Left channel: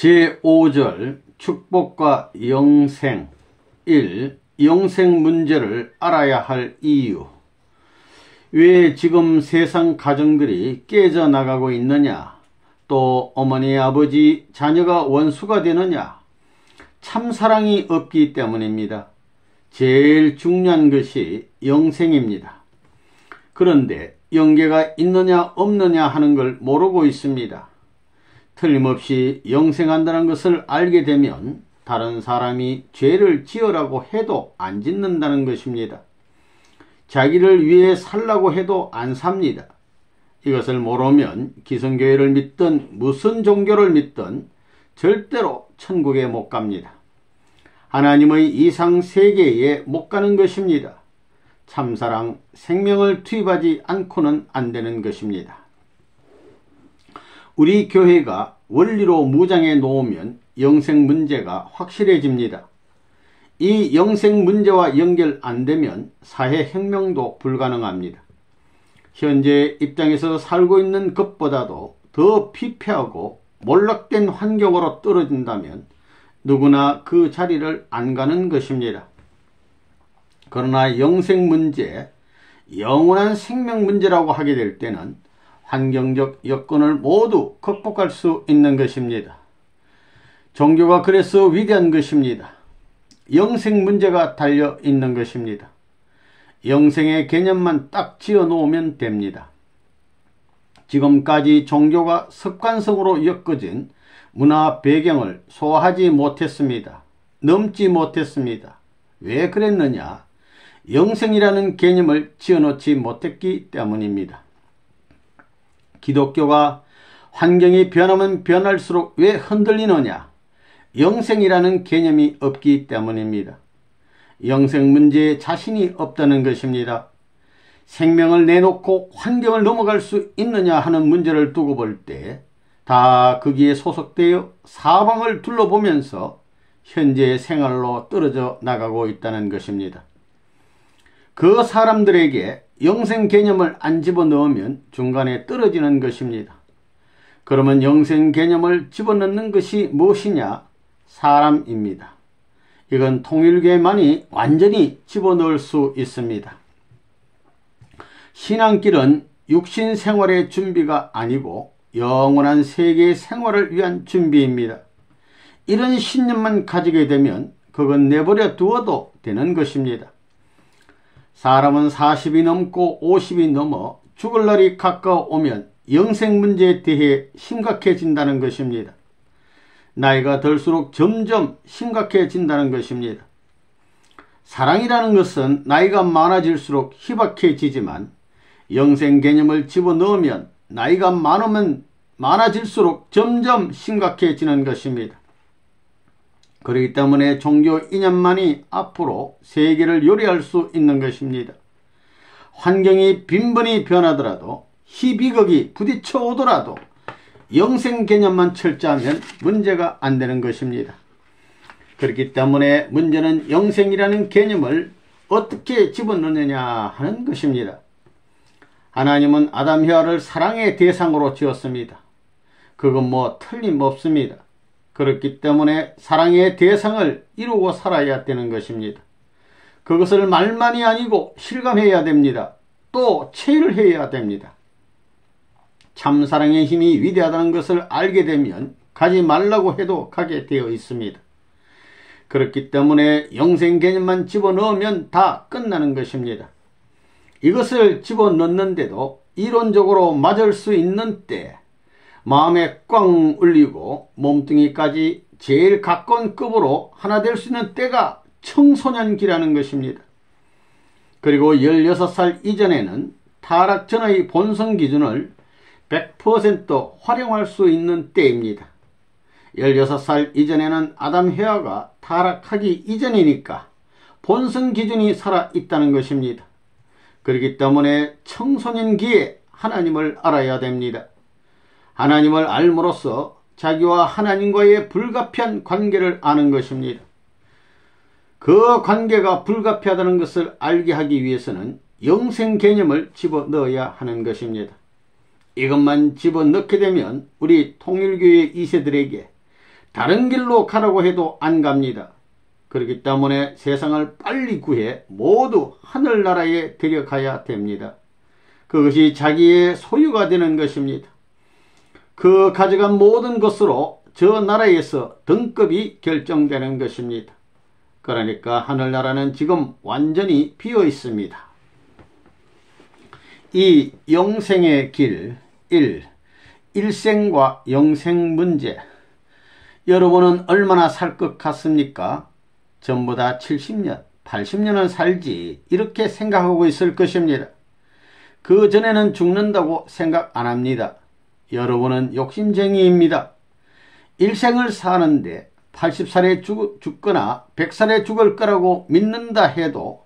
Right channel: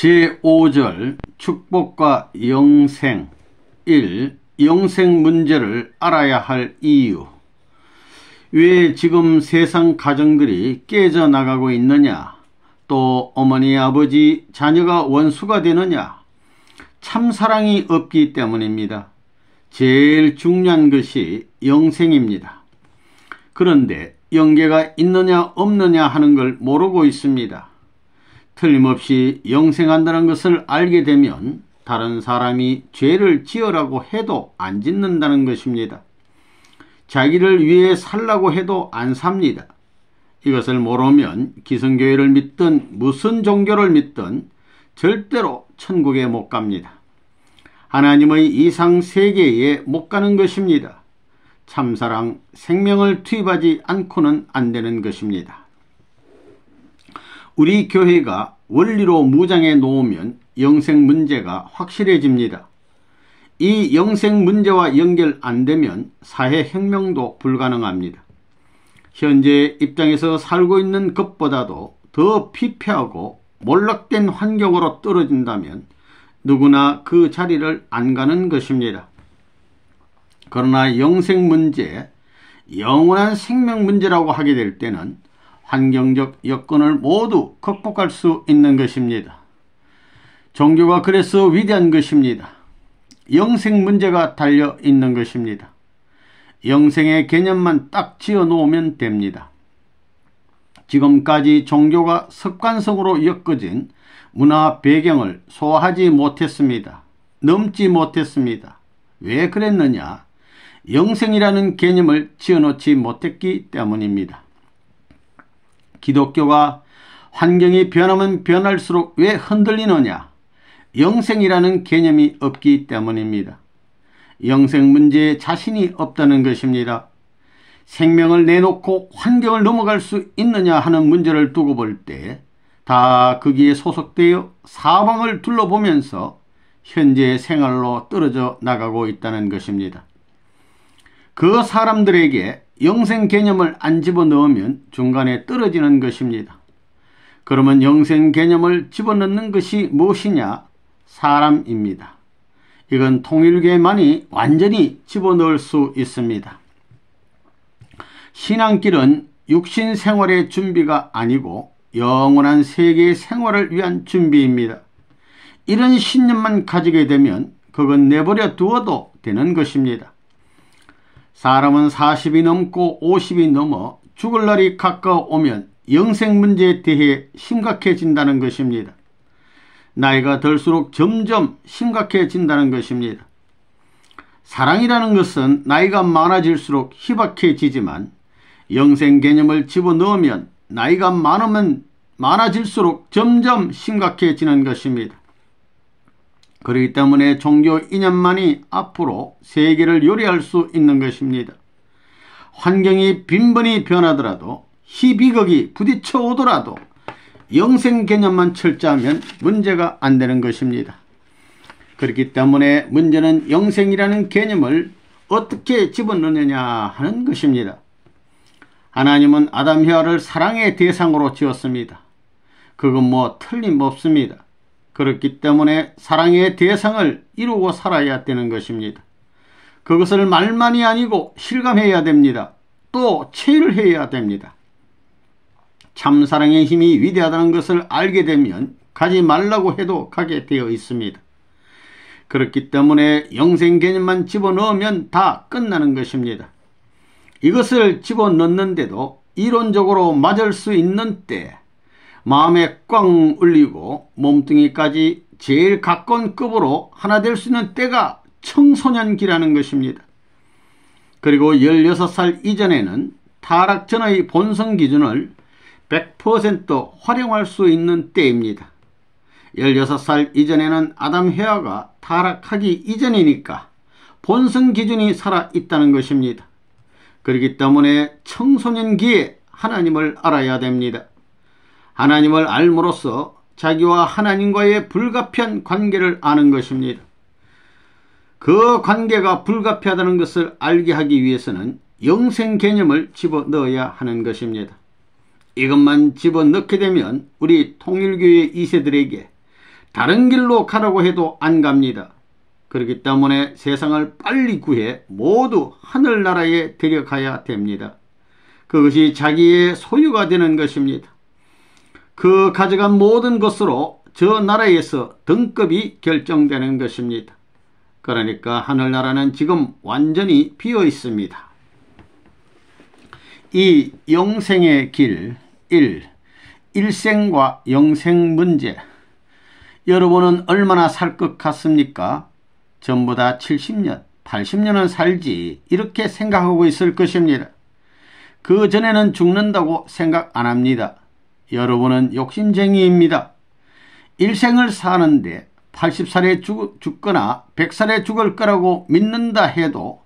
제5절 축복과 영생 1. 영생 문제를 알아야 할 이유. 왜 지금 세상 가정들이 깨져나가고 있느냐? 또 어머니, 아버지, 자녀가 원수가 되느냐? 참사랑이 없기 때문입니다. 제일 중요한 것이 영생입니다. 그런데 영계가 있느냐 없느냐 하는 걸 모르고 있습니다. 틀림없이 영생한다는 것을 알게 되면 다른 사람이 죄를 지으라고 해도 안 짓는다는 것입니다. 자기를 위해 살라고 해도 안 삽니다. 이것을 모르면 기성교회를 믿든 무슨 종교를 믿든 절대로 천국에 못 갑니다. 하나님의 이상 세계에 못 가는 것입니다. 참사랑, 생명을 투입하지 않고는 안 되는 것입니다. 우리 교회가 원리로 무장해 놓으면 영생 문제가 확실해집니다. 이 영생 문제와 연결 안 되면 사회혁명도 불가능합니다. 현재 입장에서 살고 있는 것보다도 더 피폐하고 몰락된 환경으로 떨어진다면 누구나 그 자리를 안 가는 것입니다. 그러나 영생 문제, 영원한 생명 문제라고 하게 될 때는 환경적 여건을 모두 극복할 수 있는 것입니다. 종교가 그래서 위대한 것입니다. 영생 문제가 달려 있는 것입니다. 영생의 개념만 딱 지어 놓으면 됩니다. 지금까지 종교가 습관성으로 엮어진 문화 배경을 소화하지 못했습니다. 넘지 못했습니다. 왜 그랬느냐? 영생이라는 개념을 지어놓지 못했기 때문입니다. 기독교가 환경이 변하면 변할수록 왜 흔들리느냐? 영생이라는 개념이 없기 때문입니다. 영생 문제에 자신이 없다는 것입니다. 생명을 내놓고 환경을 넘어갈 수 있느냐 하는 문제를 두고 볼 때 다 거기에 소속되어 사방을 둘러보면서 현재의 생활로 떨어져 나가고 있다는 것입니다. 그 사람들에게 영생 개념을 안 집어넣으면 중간에 떨어지는 것입니다. 그러면 영생 개념을 집어넣는 것이 무엇이냐? 사람입니다. 이건 통일교만이 완전히 집어넣을 수 있습니다. 신앙길은 육신 생활의 준비가 아니고 영원한 세계의 생활을 위한 준비입니다. 이런 신념만 가지게 되면 그건 내버려 두어도 되는 것입니다. 사람은 40이 넘고 50이 넘어 죽을 날이 가까워오면 영생 문제에 대해 심각해진다는 것입니다. 나이가 들수록 점점 심각해진다는 것입니다. 사랑이라는 것은 나이가 많아질수록 희박해지지만 영생 개념을 집어넣으면 나이가 많아질수록 점점 심각해지는 것입니다. 그렇기 때문에 종교 이념만이 앞으로 세계를 요리할 수 있는 것입니다. 환경이 빈번히 변하더라도 희비극이 부딪혀 오더라도 영생 개념만 철저하면 문제가 안 되는 것입니다. 그렇기 때문에 문제는 영생이라는 개념을 어떻게 집어넣느냐 하는 것입니다. 하나님은 아담 헤아를 사랑의 대상으로 지었습니다. 그건 뭐 틀림없습니다. 그렇기 때문에 사랑의 대상을 이루고 살아야 되는 것입니다. 그것을 말만이 아니고 실감해야 됩니다. 또 체휼해야 됩니다. 참사랑의 힘이 위대하다는 것을 알게 되면 가지 말라고 해도 가게 되어 있습니다. 그렇기 때문에 영생 개념만 집어넣으면 다 끝나는 것입니다. 이것을 집어넣는데도 이론적으로 맞을 수 있는 때 마음에 꽝 울리고 몸뚱이까지 제일 가까운 급으로 하나 될 수 있는 때가 청소년기라는 것입니다. 그리고 16살 이전에는 타락 전의 본성 기준을 100% 활용할 수 있는 때입니다. 16살 이전에는 아담 헤아가 타락하기 이전이니까 본성 기준이 살아있다는 것입니다. 그렇기 때문에 청소년기에 하나님을 알아야 됩니다. 하나님을 알므로써 자기와 하나님과의 불가피한 관계를 아는 것입니다. 그 관계가 불가피하다는 것을 알게 하기 위해서는 영생 개념을 집어넣어야 하는 것입니다. 이것만 집어넣게 되면 우리 통일교회 2세들에게 다른 길로 가라고 해도 안 갑니다. 그렇기 때문에 세상을 빨리 구해 모두 하늘나라에 데려가야 됩니다. 그것이 자기의 소유가 되는 것입니다. 그 가져간 모든 것으로 저 나라에서 등급이 결정되는 것입니다. 그러니까 하늘나라는 지금 완전히 비어 있습니다. 이 영생의 길 1. 일생과 영생 문제. 여러분은 얼마나 살 것 같습니까? 전부 다 70년, 80년은 살지 이렇게 생각하고 있을 것입니다. 그 전에는 죽는다고 생각 안 합니다. 여러분은 욕심쟁이입니다. 일생을 사는데 80살에 죽거나 100살에 죽을 거라고 믿는다 해도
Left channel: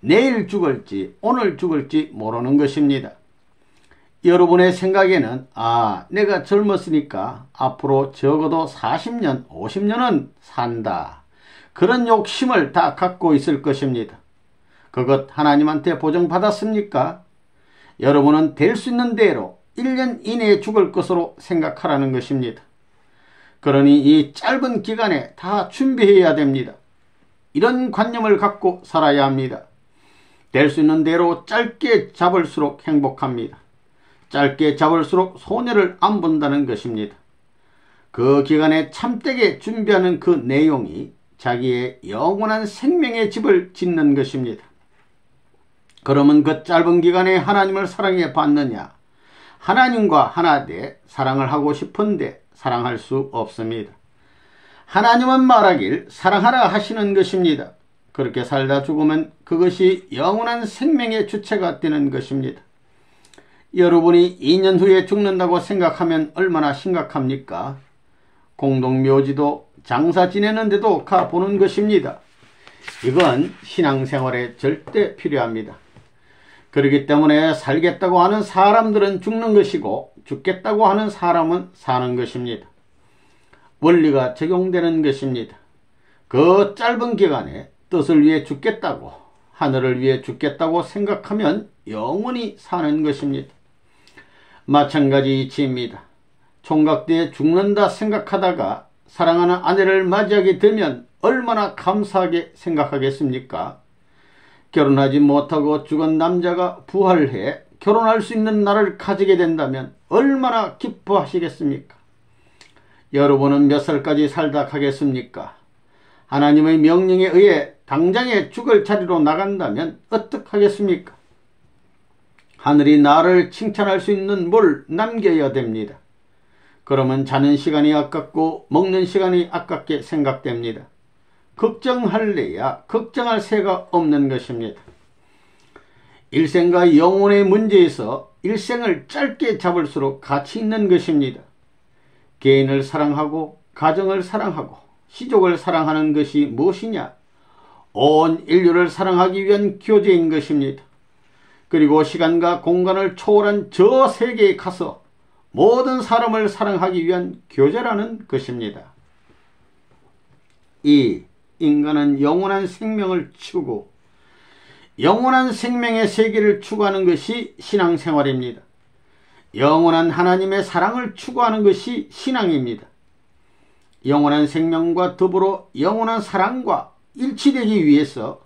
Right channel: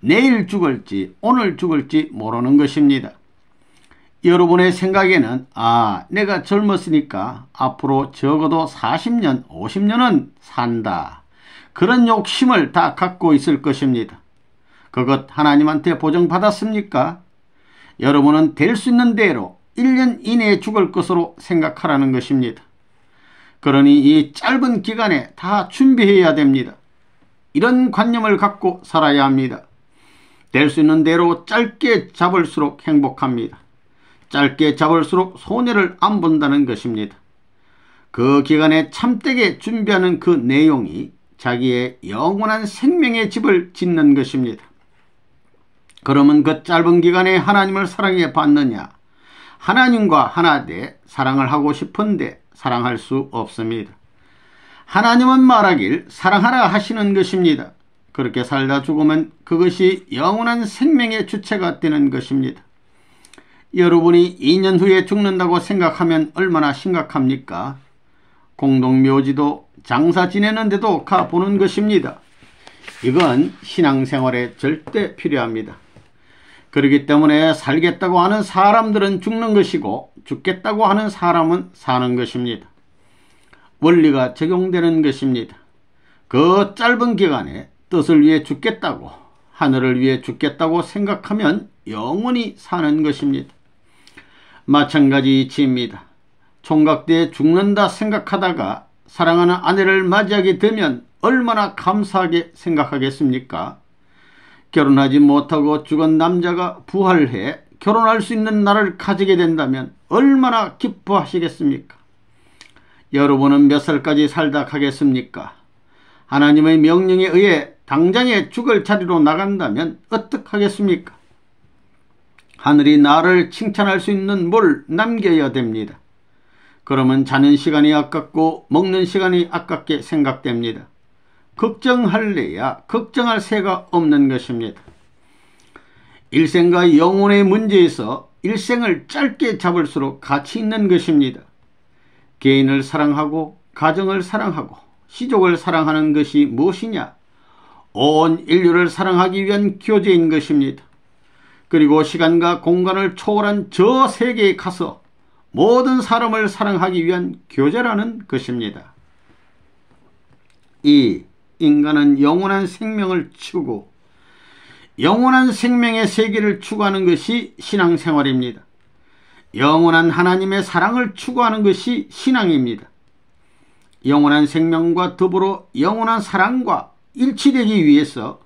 내일 죽을지 오늘 죽을지 모르는 것입니다. 여러분의 생각에는 내가 젊었으니까 앞으로 적어도 40년, 50년은 산다. 그런 욕심을 다 갖고 있을 것입니다. 그것 하나님한테 보증받았습니까? 여러분은 될 수 있는 대로 1년 이내에 죽을 것으로 생각하라는 것입니다. 그러니 이 짧은 기간에 다 준비해야 됩니다. 이런 관념을 갖고 살아야 합니다. 될 수 있는 대로 짧게 잡을수록 행복합니다. 짧게 잡을수록 손해를 안 본다는 것입니다. 그 기간에 참되게 준비하는 그 내용이 자기의 영원한 생명의 집을 짓는 것입니다. 그러면 그 짧은 기간에 하나님을 사랑해 봤느냐? 하나님과 하나 돼 사랑을 하고 싶은데 사랑할 수 없습니다. 하나님은 말하길 사랑하라 하시는 것입니다. 그렇게 살다 죽으면 그것이 영원한 생명의 주체가 되는 것입니다. 여러분이 2년 후에 죽는다고 생각하면 얼마나 심각합니까? 공동묘지도 장사 지내는데도 가보는 것입니다. 이건 신앙생활에 절대 필요합니다. 그렇기 때문에 살겠다고 하는 사람들은 죽는 것이고 죽겠다고 하는 사람은 사는 것입니다. 원리가 적용되는 것입니다. 그 짧은 기간에 뜻을 위해 죽겠다고, 하늘을 위해 죽겠다고 생각하면 영원히 사는 것입니다. 마찬가지 이치입니다. 총각때 죽는다 생각하다가 사랑하는 아내를 맞이하게 되면 얼마나 감사하게 생각하겠습니까? 결혼하지 못하고 죽은 남자가 부활해 결혼할 수 있는 날을 가지게 된다면 얼마나 기뻐하시겠습니까? 여러분은 몇 살까지 살다 가겠습니까? 하나님의 명령에 의해 당장에 죽을 자리로 나간다면 어떡하겠습니까? 하늘이 나를 칭찬할 수 있는 뭘 남겨야 됩니다. 그러면 자는 시간이 아깝고 먹는 시간이 아깝게 생각됩니다. 걱정할래야 걱정할 새가 없는 것입니다. 일생과 영혼의 문제에서 일생을 짧게 잡을수록 가치 있는 것입니다. 개인을 사랑하고 가정을 사랑하고 시족을 사랑하는 것이 무엇이냐? 온 인류를 사랑하기 위한 교제인 것입니다. 그리고 시간과 공간을 초월한 저 세계에 가서 모든 사람을 사랑하기 위한 교제라는 것입니다. 2. 인간은 영원한 생명을 추구, 영원한 생명의 세계를 추구하는 것이 신앙생활입니다. 영원한 하나님의 사랑을 추구하는 것이 신앙입니다. 영원한 생명과 더불어 영원한 사랑과 일치되기 위해서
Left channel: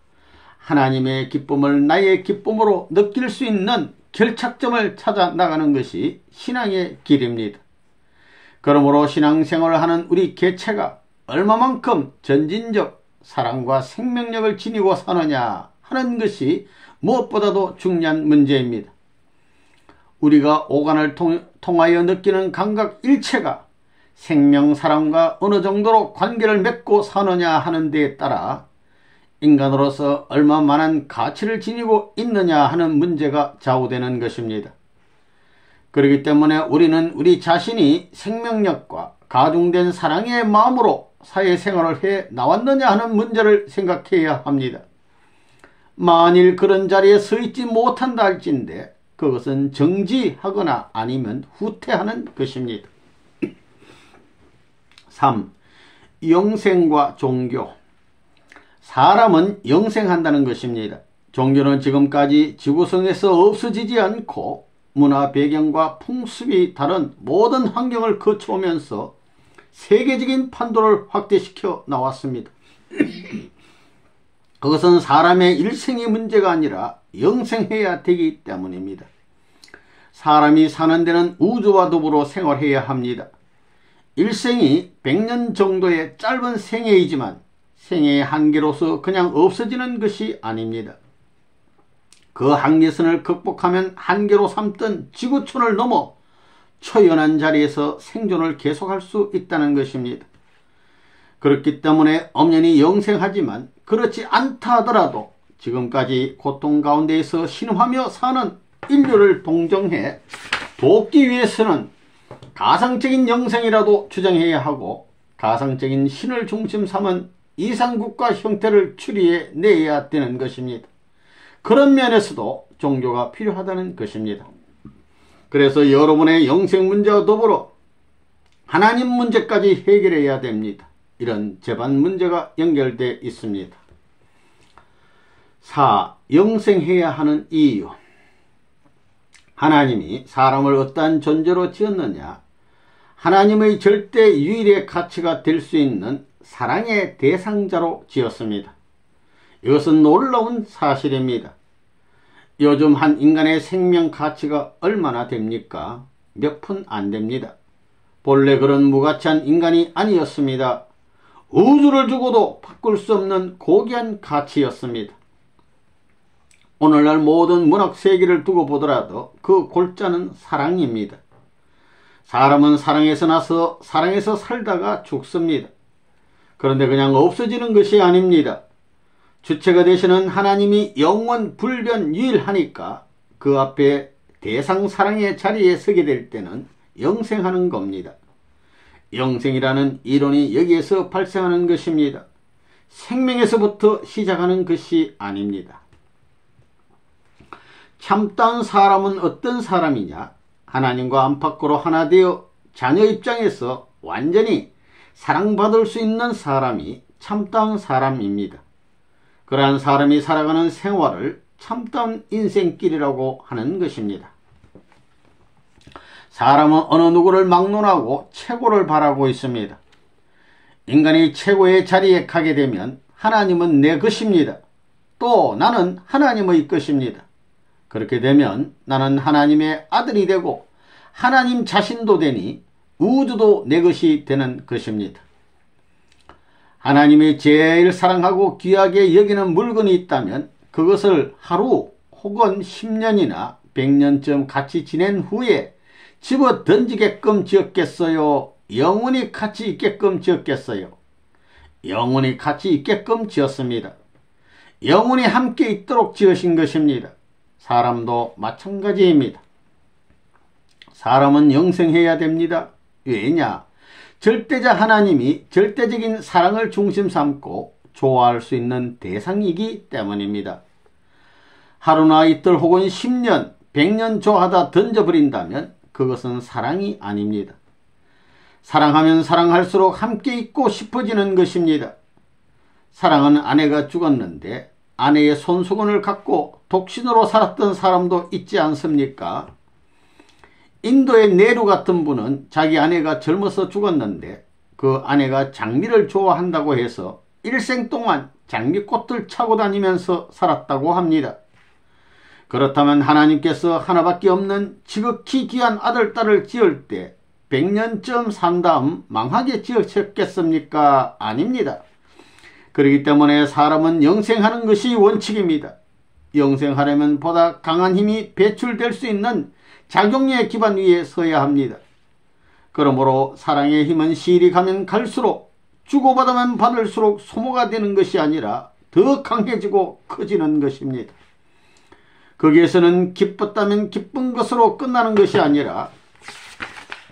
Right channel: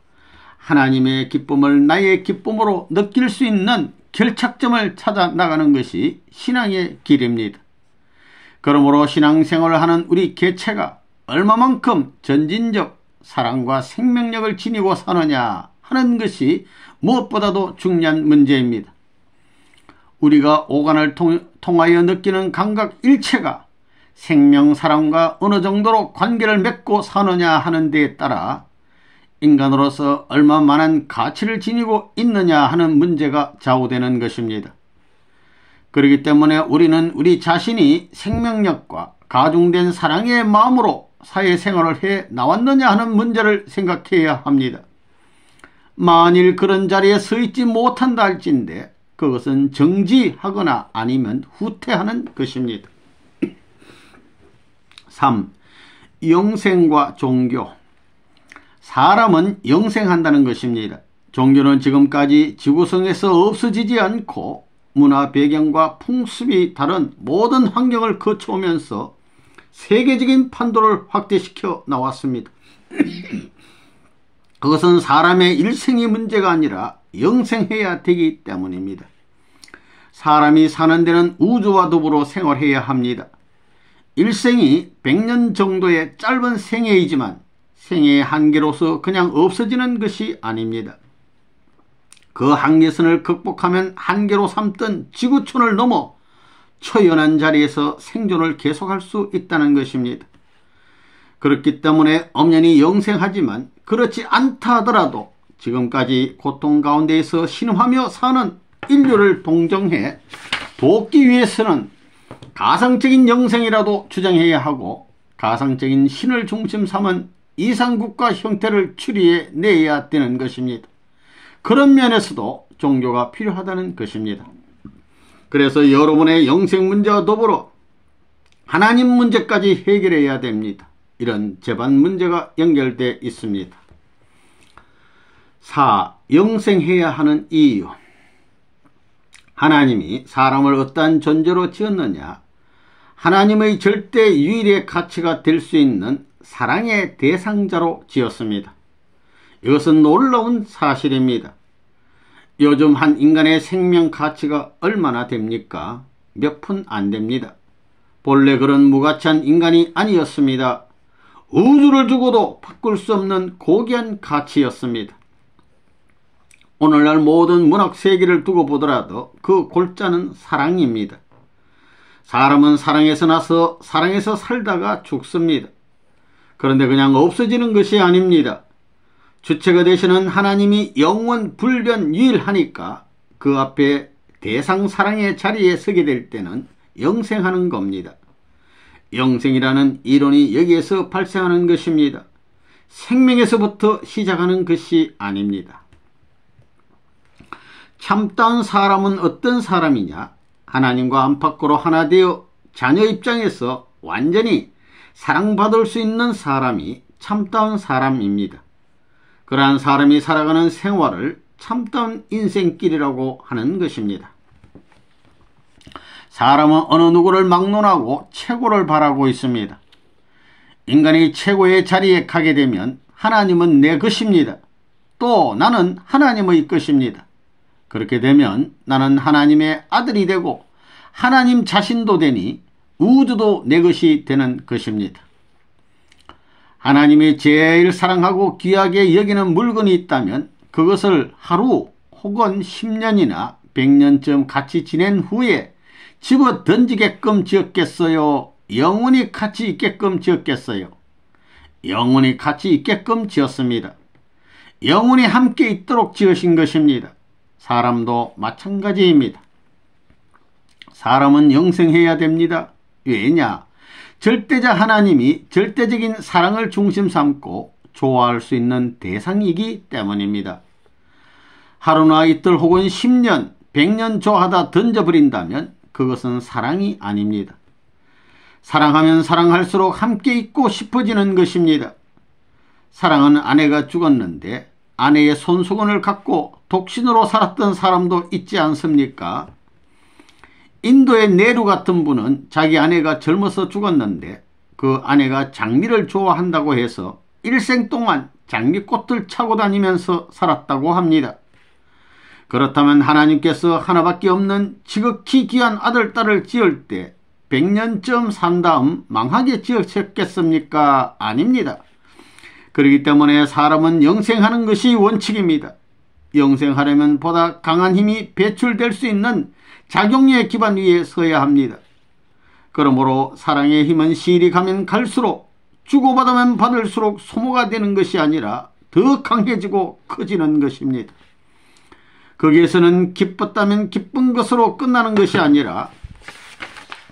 하나님의 기쁨을 나의 기쁨으로 느낄 수 있는 결착점을 찾아 나가는 것이 신앙의 길입니다. 그러므로 신앙생활을 하는 우리 개체가 얼마만큼 전진적 사랑과 생명력을 지니고 사느냐 하는 것이 무엇보다도 중요한 문제입니다. 우리가 오간을 통하여 느끼는 감각 일체가 생명 사랑과 어느 정도로 관계를 맺고 사느냐 하는 데에 따라 인간으로서 얼마만한 가치를 지니고 있느냐 하는 문제가 좌우되는 것입니다. 그렇기 때문에 우리는 우리 자신이 생명력과 가중된 사랑의 마음으로 사회생활을 해 나왔느냐 하는 문제를 생각해야 합니다. 만일 그런 자리에 서 있지 못한다 할진데 그것은 정지하거나 아니면 후퇴하는 것입니다. 3. 영생과 종교. 사람은 영생한다는 것입니다. 종교는 지금까지 지구성에서 없어지지 않고 문화 배경과 풍습이 다른 모든 환경을 거쳐오면서 세계적인 판도를 확대시켜 나왔습니다. 그것은 사람의 일생이 문제가 아니라 영생해야 되기 때문입니다. 사람이 사는 데는 우주와 더불어 생활해야 합니다. 일생이 100년 정도의 짧은 생애이지만 생애의 한계로서 그냥 없어지는 것이 아닙니다. 그 한계선을 극복하면 한계로 삼던 지구촌을 넘어 초연한 자리에서 생존을 계속할 수 있다는 것입니다. 그렇기 때문에 엄연히 영생하지만 그렇지 않다 하더라도 지금까지 고통 가운데에서 신음하며 사는 인류를 동정해 돕기 위해서는 가상적인 영생이라도 주장해야 하고 가상적인 신을 중심 삼은 이상국가 형태를 추리해 내야 되는 것입니다. 그런 면에서도 종교가 필요하다는 것입니다. 그래서 여러분의 영생 문제와 더불어 하나님 문제까지 해결해야 됩니다. 이런 재반 문제가 연결되어 있습니다. 4. 영생해야 하는 이유. 하나님이 사람을 어떠한 존재로 지었느냐? 하나님의 절대 유일의 가치가 될 수 있는 사랑의 대상자로 지었습니다. 이것은 놀라운 사실입니다. 요즘 한 인간의 생명 가치가 얼마나 됩니까? 몇 푼 안 됩니다. 본래 그런 무가치한 인간이 아니었습니다. 우주를 두고도 바꿀 수 없는 고귀한 가치였습니다. 오늘날 모든 문학 세계를 두고 보더라도 그 골자는 사랑입니다. 사람은 사랑에서 나서 사랑에서 살다가 죽습니다. 그런데 그냥 없어지는 것이 아닙니다. 주체가 되시는 하나님이 영원 불변 유일하니까 그 앞에 대상 사랑의 자리에 서게 될 때는 영생하는 겁니다. 영생이라는 이론이 여기에서 발생하는 것입니다. 생명에서부터 시작하는 것이 아닙니다. 참다운 사람은 어떤 사람이냐? 하나님과 안팎으로 하나 되어 자녀 입장에서 완전히 사랑받을 수 있는 사람이 참다운 사람입니다. 그러한 사람이 살아가는 생활을 참다운 인생길이라고 하는 것입니다. 사람은 어느 누구를 막론하고 최고를 바라고 있습니다. 인간이 최고의 자리에 가게 되면 하나님은 내 것입니다. 또 나는 하나님의 것입니다. 그렇게 되면 나는 하나님의 아들이 되고 하나님 자신도 되니 우주도 내 것이 되는 것입니다. 하나님이 제일 사랑하고 귀하게 여기는 물건이 있다면 그것을 하루 혹은 10년이나 100년쯤 같이 지낸 후에 집어 던지게끔 지었겠어요? 영원히 같이 있게끔 지었겠어요? 영원히 같이 있게끔 지었습니다. 영원히 함께 있도록 지으신 것입니다. 사람도 마찬가지입니다. 사람은 영생해야 됩니다. 왜냐? 절대자 하나님이 절대적인 사랑을 중심 삼고 좋아할 수 있는 대상이기 때문입니다. 하루나 이틀 혹은 10년, 100년 좋아하다 던져버린다면 그것은 사랑이 아닙니다. 사랑하면 사랑할수록 함께 있고 싶어지는 것입니다. 사랑은 아내가 죽었는데 아내의 손수건을 갖고 독신으로 살았던 사람도 있지 않습니까? 인도의 네루 같은 분은 자기 아내가 젊어서 죽었는데 그 아내가 장미를 좋아한다고 해서 일생 동안 장미꽃을 차고 다니면서 살았다고 합니다. 그렇다면 하나님께서 하나밖에 없는 지극히 귀한 아들, 딸을 지을 때 100년쯤 산 다음 망하게 지으셨겠습니까? 아닙니다. 그렇기 때문에 사람은 영생하는 것이 원칙입니다. 영생하려면 보다 강한 힘이 배출될 수 있는 작용의 기반 위에 서야 합니다. 그러므로 사랑의 힘은 시일이 가면 갈수록 주고받으면 받을수록 소모가 되는 것이 아니라 더 강해지고 커지는 것입니다. 거기에서는 기뻤다면 기쁜 것으로 끝나는 것이 아니라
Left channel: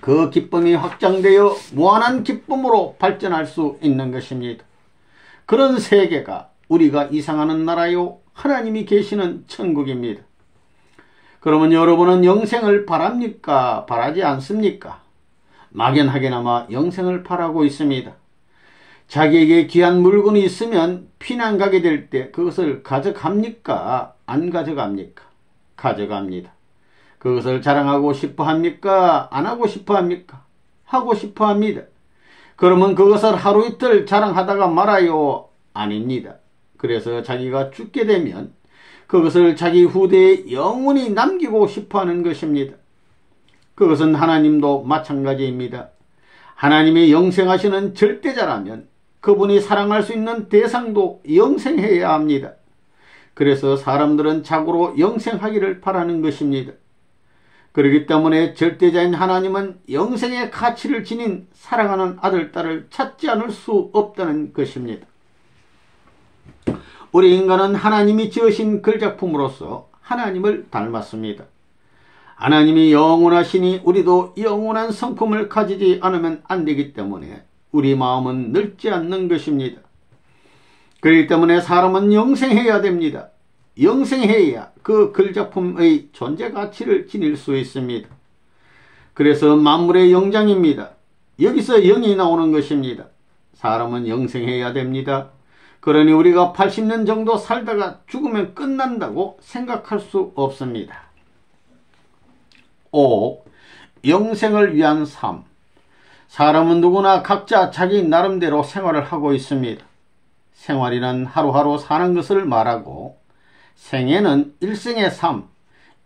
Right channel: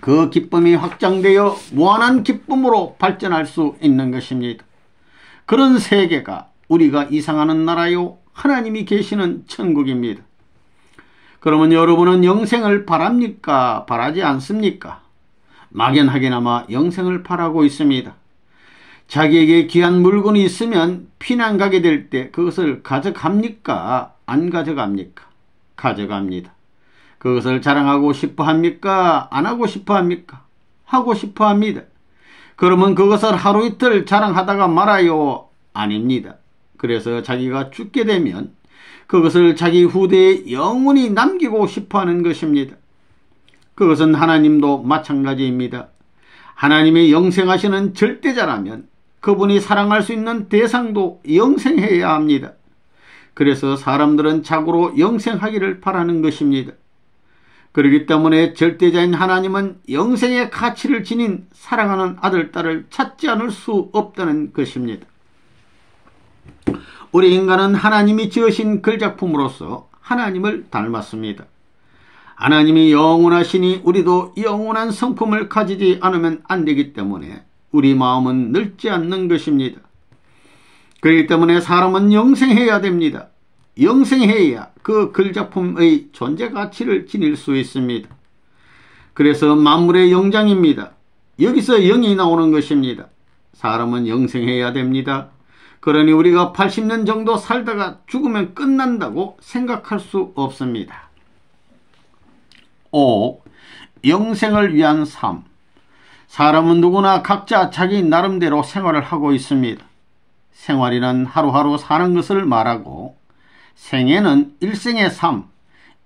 그 기쁨이 확장되어 무한한 기쁨으로 발전할 수 있는 것입니다. 그런 세계가 우리가 이상하는 나라요 하나님이 계시는 천국입니다. 그러면 여러분은 영생을 바랍니까? 바라지 않습니까? 막연하게나마 영생을 바라고 있습니다. 자기에게 귀한 물건이 있으면 피난 가게 될 때 그것을 가져갑니까? 안 가져갑니까? 가져갑니다. 그것을 자랑하고 싶어 합니까? 안 하고 싶어 합니까? 하고 싶어 합니다. 그러면 그것을 하루 이틀 자랑하다가 말아요? 아닙니다. 그래서 자기가 죽게 되면 그것을 자기 후대에 영원히 남기고 싶어하는 것입니다. 그것은 하나님도 마찬가지입니다. 하나님의 영생하시는 절대자라면 그분이 사랑할 수 있는 대상도 영생해야 합니다. 그래서 사람들은 자고로 영생하기를 바라는 것입니다. 그렇기 때문에 절대자인 하나님은 영생의 가치를 지닌 사랑하는 아들, 딸을 찾지 않을 수 없다는 것입니다. 우리 인간은 하나님이 지으신 글작품으로서 하나님을 닮았습니다. 하나님이 영원하시니 우리도 영원한 성품을 가지지 않으면 안 되기 때문에 우리 마음은 늙지 않는 것입니다. 그렇기 때문에 사람은 영생해야 됩니다. 영생해야 그 글작품의 존재 가치를 지닐 수 있습니다. 그래서 만물의 영장입니다. 여기서 영이 나오는 것입니다. 사람은 영생해야 됩니다. 그러니 우리가 80년 정도 살다가 죽으면 끝난다고 생각할 수 없습니다. 5. 영생을 위한 삶. 사람은 누구나 각자 자기 나름대로 생활을 하고 있습니다. 생활이란 하루하루 사는 것을 말하고 생애는 일생의 삶,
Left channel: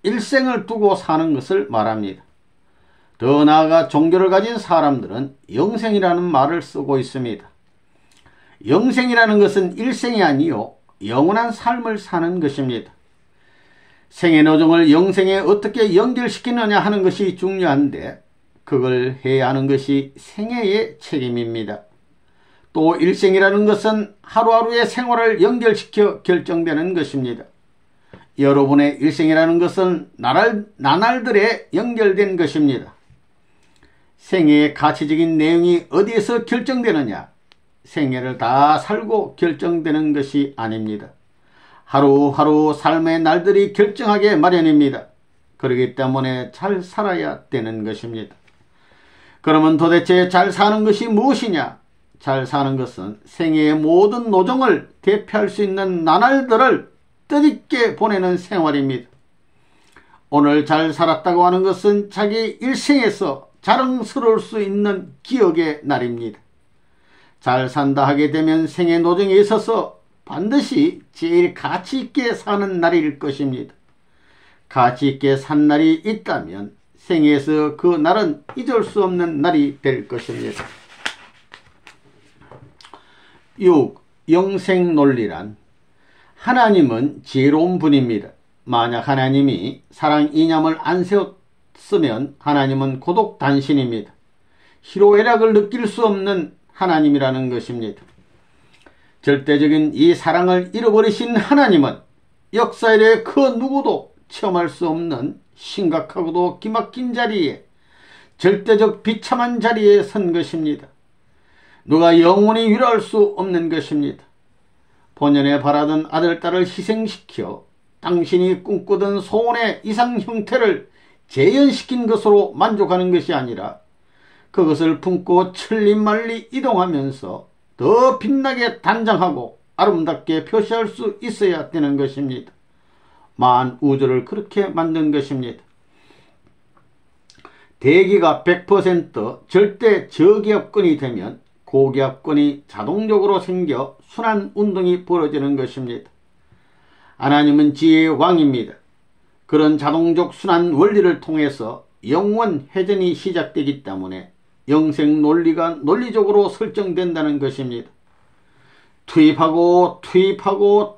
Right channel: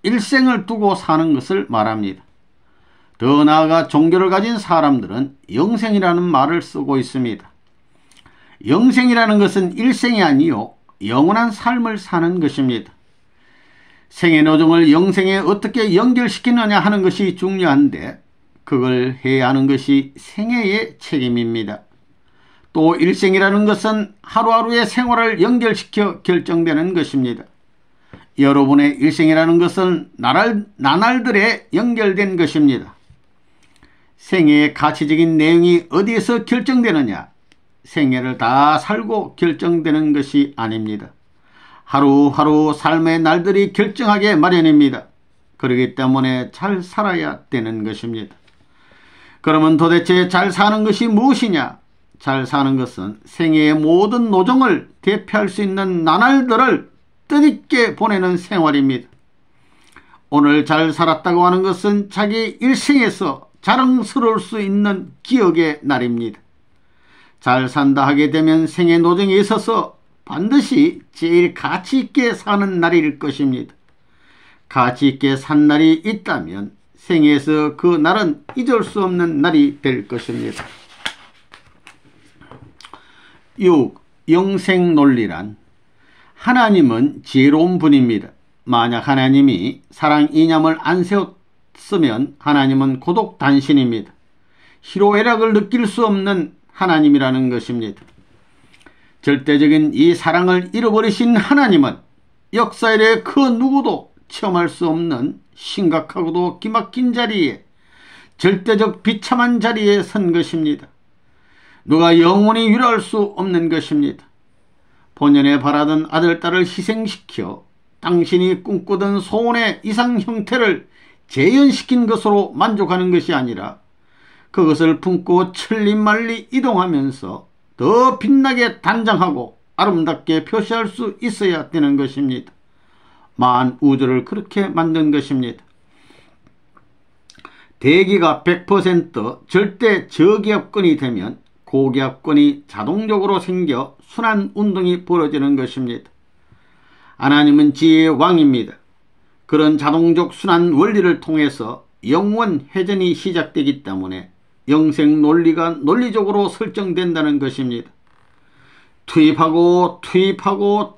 일생을 두고 사는 것을 말합니다. 더 나아가 종교를 가진 사람들은 영생이라는 말을 쓰고 있습니다. 영생이라는 것은 일생이 아니요 영원한 삶을 사는 것입니다. 생의 노정을 영생에 어떻게 연결시키느냐 하는 것이 중요한데 그걸 해야 하는 것이 생애의 책임입니다. 또 일생이라는 것은 하루하루의 생활을 연결시켜 결정되는 것입니다. 여러분의 일생이라는 것은 나날들에 연결된 것입니다. 생애의 가치적인 내용이 어디에서 결정되느냐? 생애를 다 살고 결정되는 것이 아닙니다. 하루하루 삶의 날들이 결정하게 마련입니다. 그렇기 때문에 잘 살아야 되는 것입니다. 그러면 도대체 잘 사는 것이 무엇이냐? 잘 사는 것은 생애의 모든 노정을 대표할 수 있는 나날들을 뜻있게 보내는 생활입니다. 오늘 잘 살았다고 하는 것은 자기 일생에서 자랑스러울 수 있는 기억의 날입니다. 잘 산다 하게 되면 생애 노정에 있어서 반드시 제일 가치 있게 사는 날일 것입니다. 가치 있게 산 날이 있다면 생애에서 그 날은 잊을 수 없는 날이 될 것입니다. 6. 영생 논리란 하나님은 지혜로운 분입니다. 만약 하나님이 사랑 이념을 안 세웠으면 하나님은 고독 단신입니다. 희로애락을 느낄 수 없는 하나님이라는 것입니다. 절대적인 이 사랑을 잃어버리신 하나님은 역사일에 그 누구도 체험할 수 없는 심각하고도 기막힌 자리에 절대적 비참한 자리에 선 것입니다. 누가 영원히 위로할 수 없는 것입니다. 본연에 바라던 아들, 딸을 희생시켜 당신이 꿈꾸던 소원의 이상 형태를 재현시킨 것으로 만족하는 것이 아니라 그것을 품고 천리말리 이동하면서 더 빛나게 단장하고 아름답게 표시할 수 있어야 되는 것입니다. 만우주를 그렇게 만든 것입니다. 대기가 100% 절대 저기압권이 되면 고기압권이 자동적으로 생겨 순환운동이 벌어지는 것입니다. 하나님은 지혜의 왕입니다. 그런 자동적 순환 원리를 통해서 영원 회전이 시작되기 때문에 영생 논리가 논리적으로 설정된다는 것입니다. 투입하고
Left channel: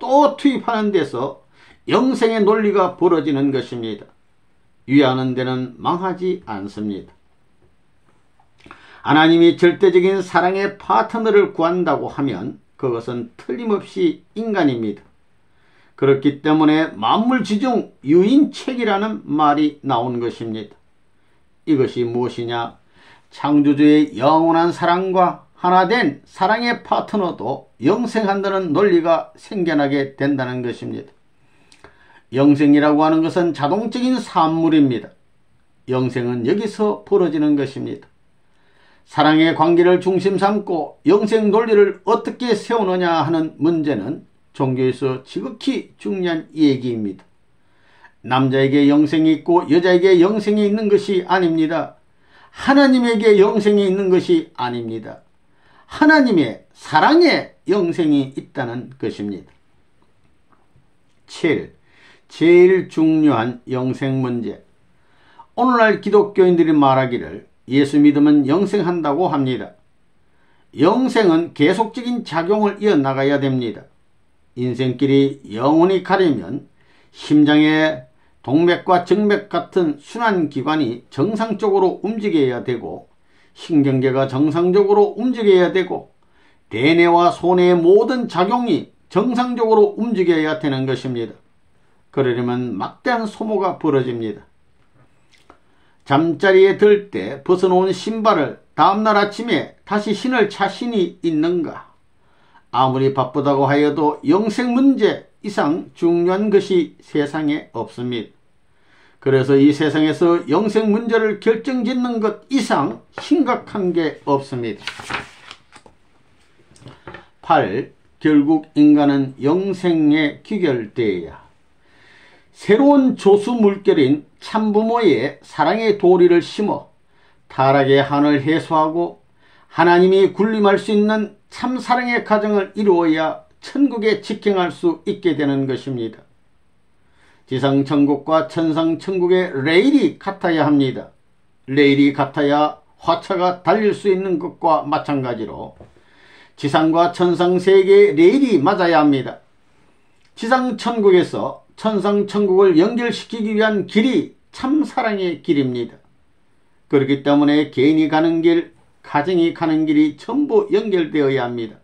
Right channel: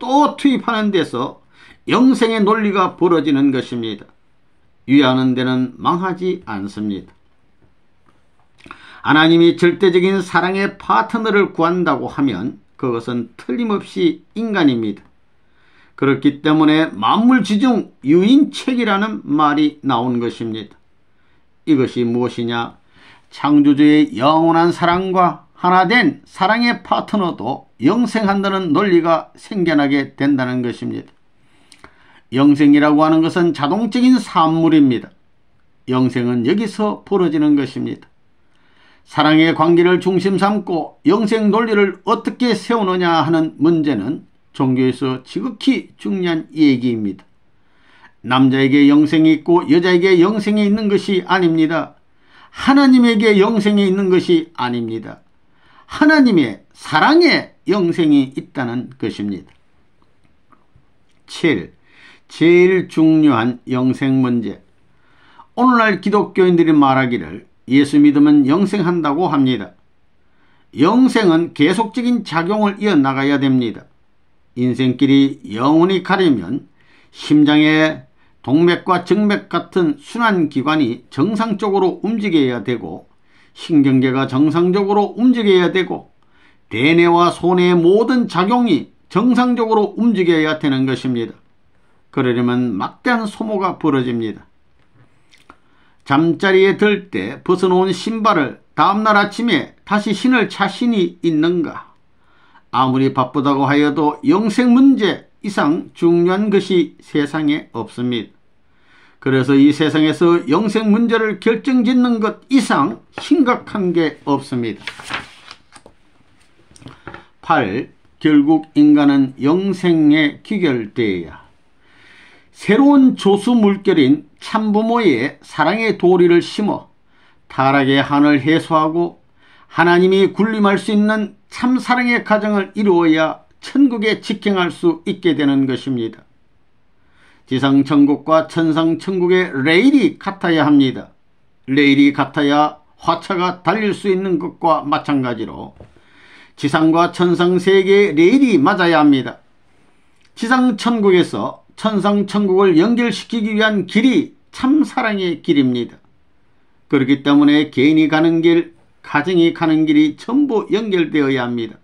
또 투입하는 데서 영생의 논리가 벌어지는 것입니다. 위하는 데는 망하지 않습니다. 하나님이 절대적인 사랑의 파트너를 구한다고 하면 그것은 틀림없이 인간입니다. 그렇기 때문에 만물지중 유인책이라는 말이 나온 것입니다. 이것이 무엇이냐? 창조주의 영원한 사랑과 하나된 사랑의 파트너도 영생한다는 논리가 생겨나게 된다는 것입니다. 영생이라고 하는 것은 자동적인 산물입니다. 영생은 여기서 벌어지는 것입니다. 사랑의 관계를 중심 삼고 영생 논리를 어떻게 세우느냐 하는 문제는 종교에서 지극히 중요한 얘기입니다. 남자에게 영생이 있고 여자에게 영생이 있는 것이 아닙니다. 하나님에게 영생이 있는 것이 아닙니다. 하나님의 사랑의 영생이 있다는 것입니다. 7. 제일 중요한 영생 문제. 오늘날 기독교인들이 말하기를 예수 믿으면 영생한다고 합니다. 영생은 계속적인 작용을 이어나가야 됩니다. 인생길이 영원히 가려면 심장의 동맥과 정맥 같은 순환기관이 정상적으로 움직여야 되고, 신경계가 정상적으로 움직여야 되고, 대뇌와 소뇌의 모든 작용이 정상적으로 움직여야 되는 것입니다. 그러려면 막대한 소모가 벌어집니다. 잠자리에 들 때 벗어놓은 신발을 다음날 아침에 다시 신을 자신이 있는가? 아무리 바쁘다고 하여도 영생 문제 이상 중요한 것이 세상에 없습니다. 그래서 이 세상에서 영생 문제를 결정짓는 것 이상 심각한 게 없습니다. 8. 결국 인간은 영생에 귀결되어야 새로운 조수 물결인 참부모의 사랑의 도리를 심어 타락의 한을 해소하고 하나님이 군림할 수 있는 참사랑의 가정을 이루어야 천국에 직행할 수 있게 되는 것입니다. 지상천국과 천상천국의 레일이 같아야 합니다. 레일이 같아야 화차가 달릴 수 있는 것과 마찬가지로 지상과 천상 세계의 레일이 맞아야 합니다. 지상천국에서 천상천국을 연결시키기 위한 길이 참사랑의 길입니다. 그렇기 때문에 개인이 가는 길, 가정이 가는 길이 전부 연결되어야 합니다.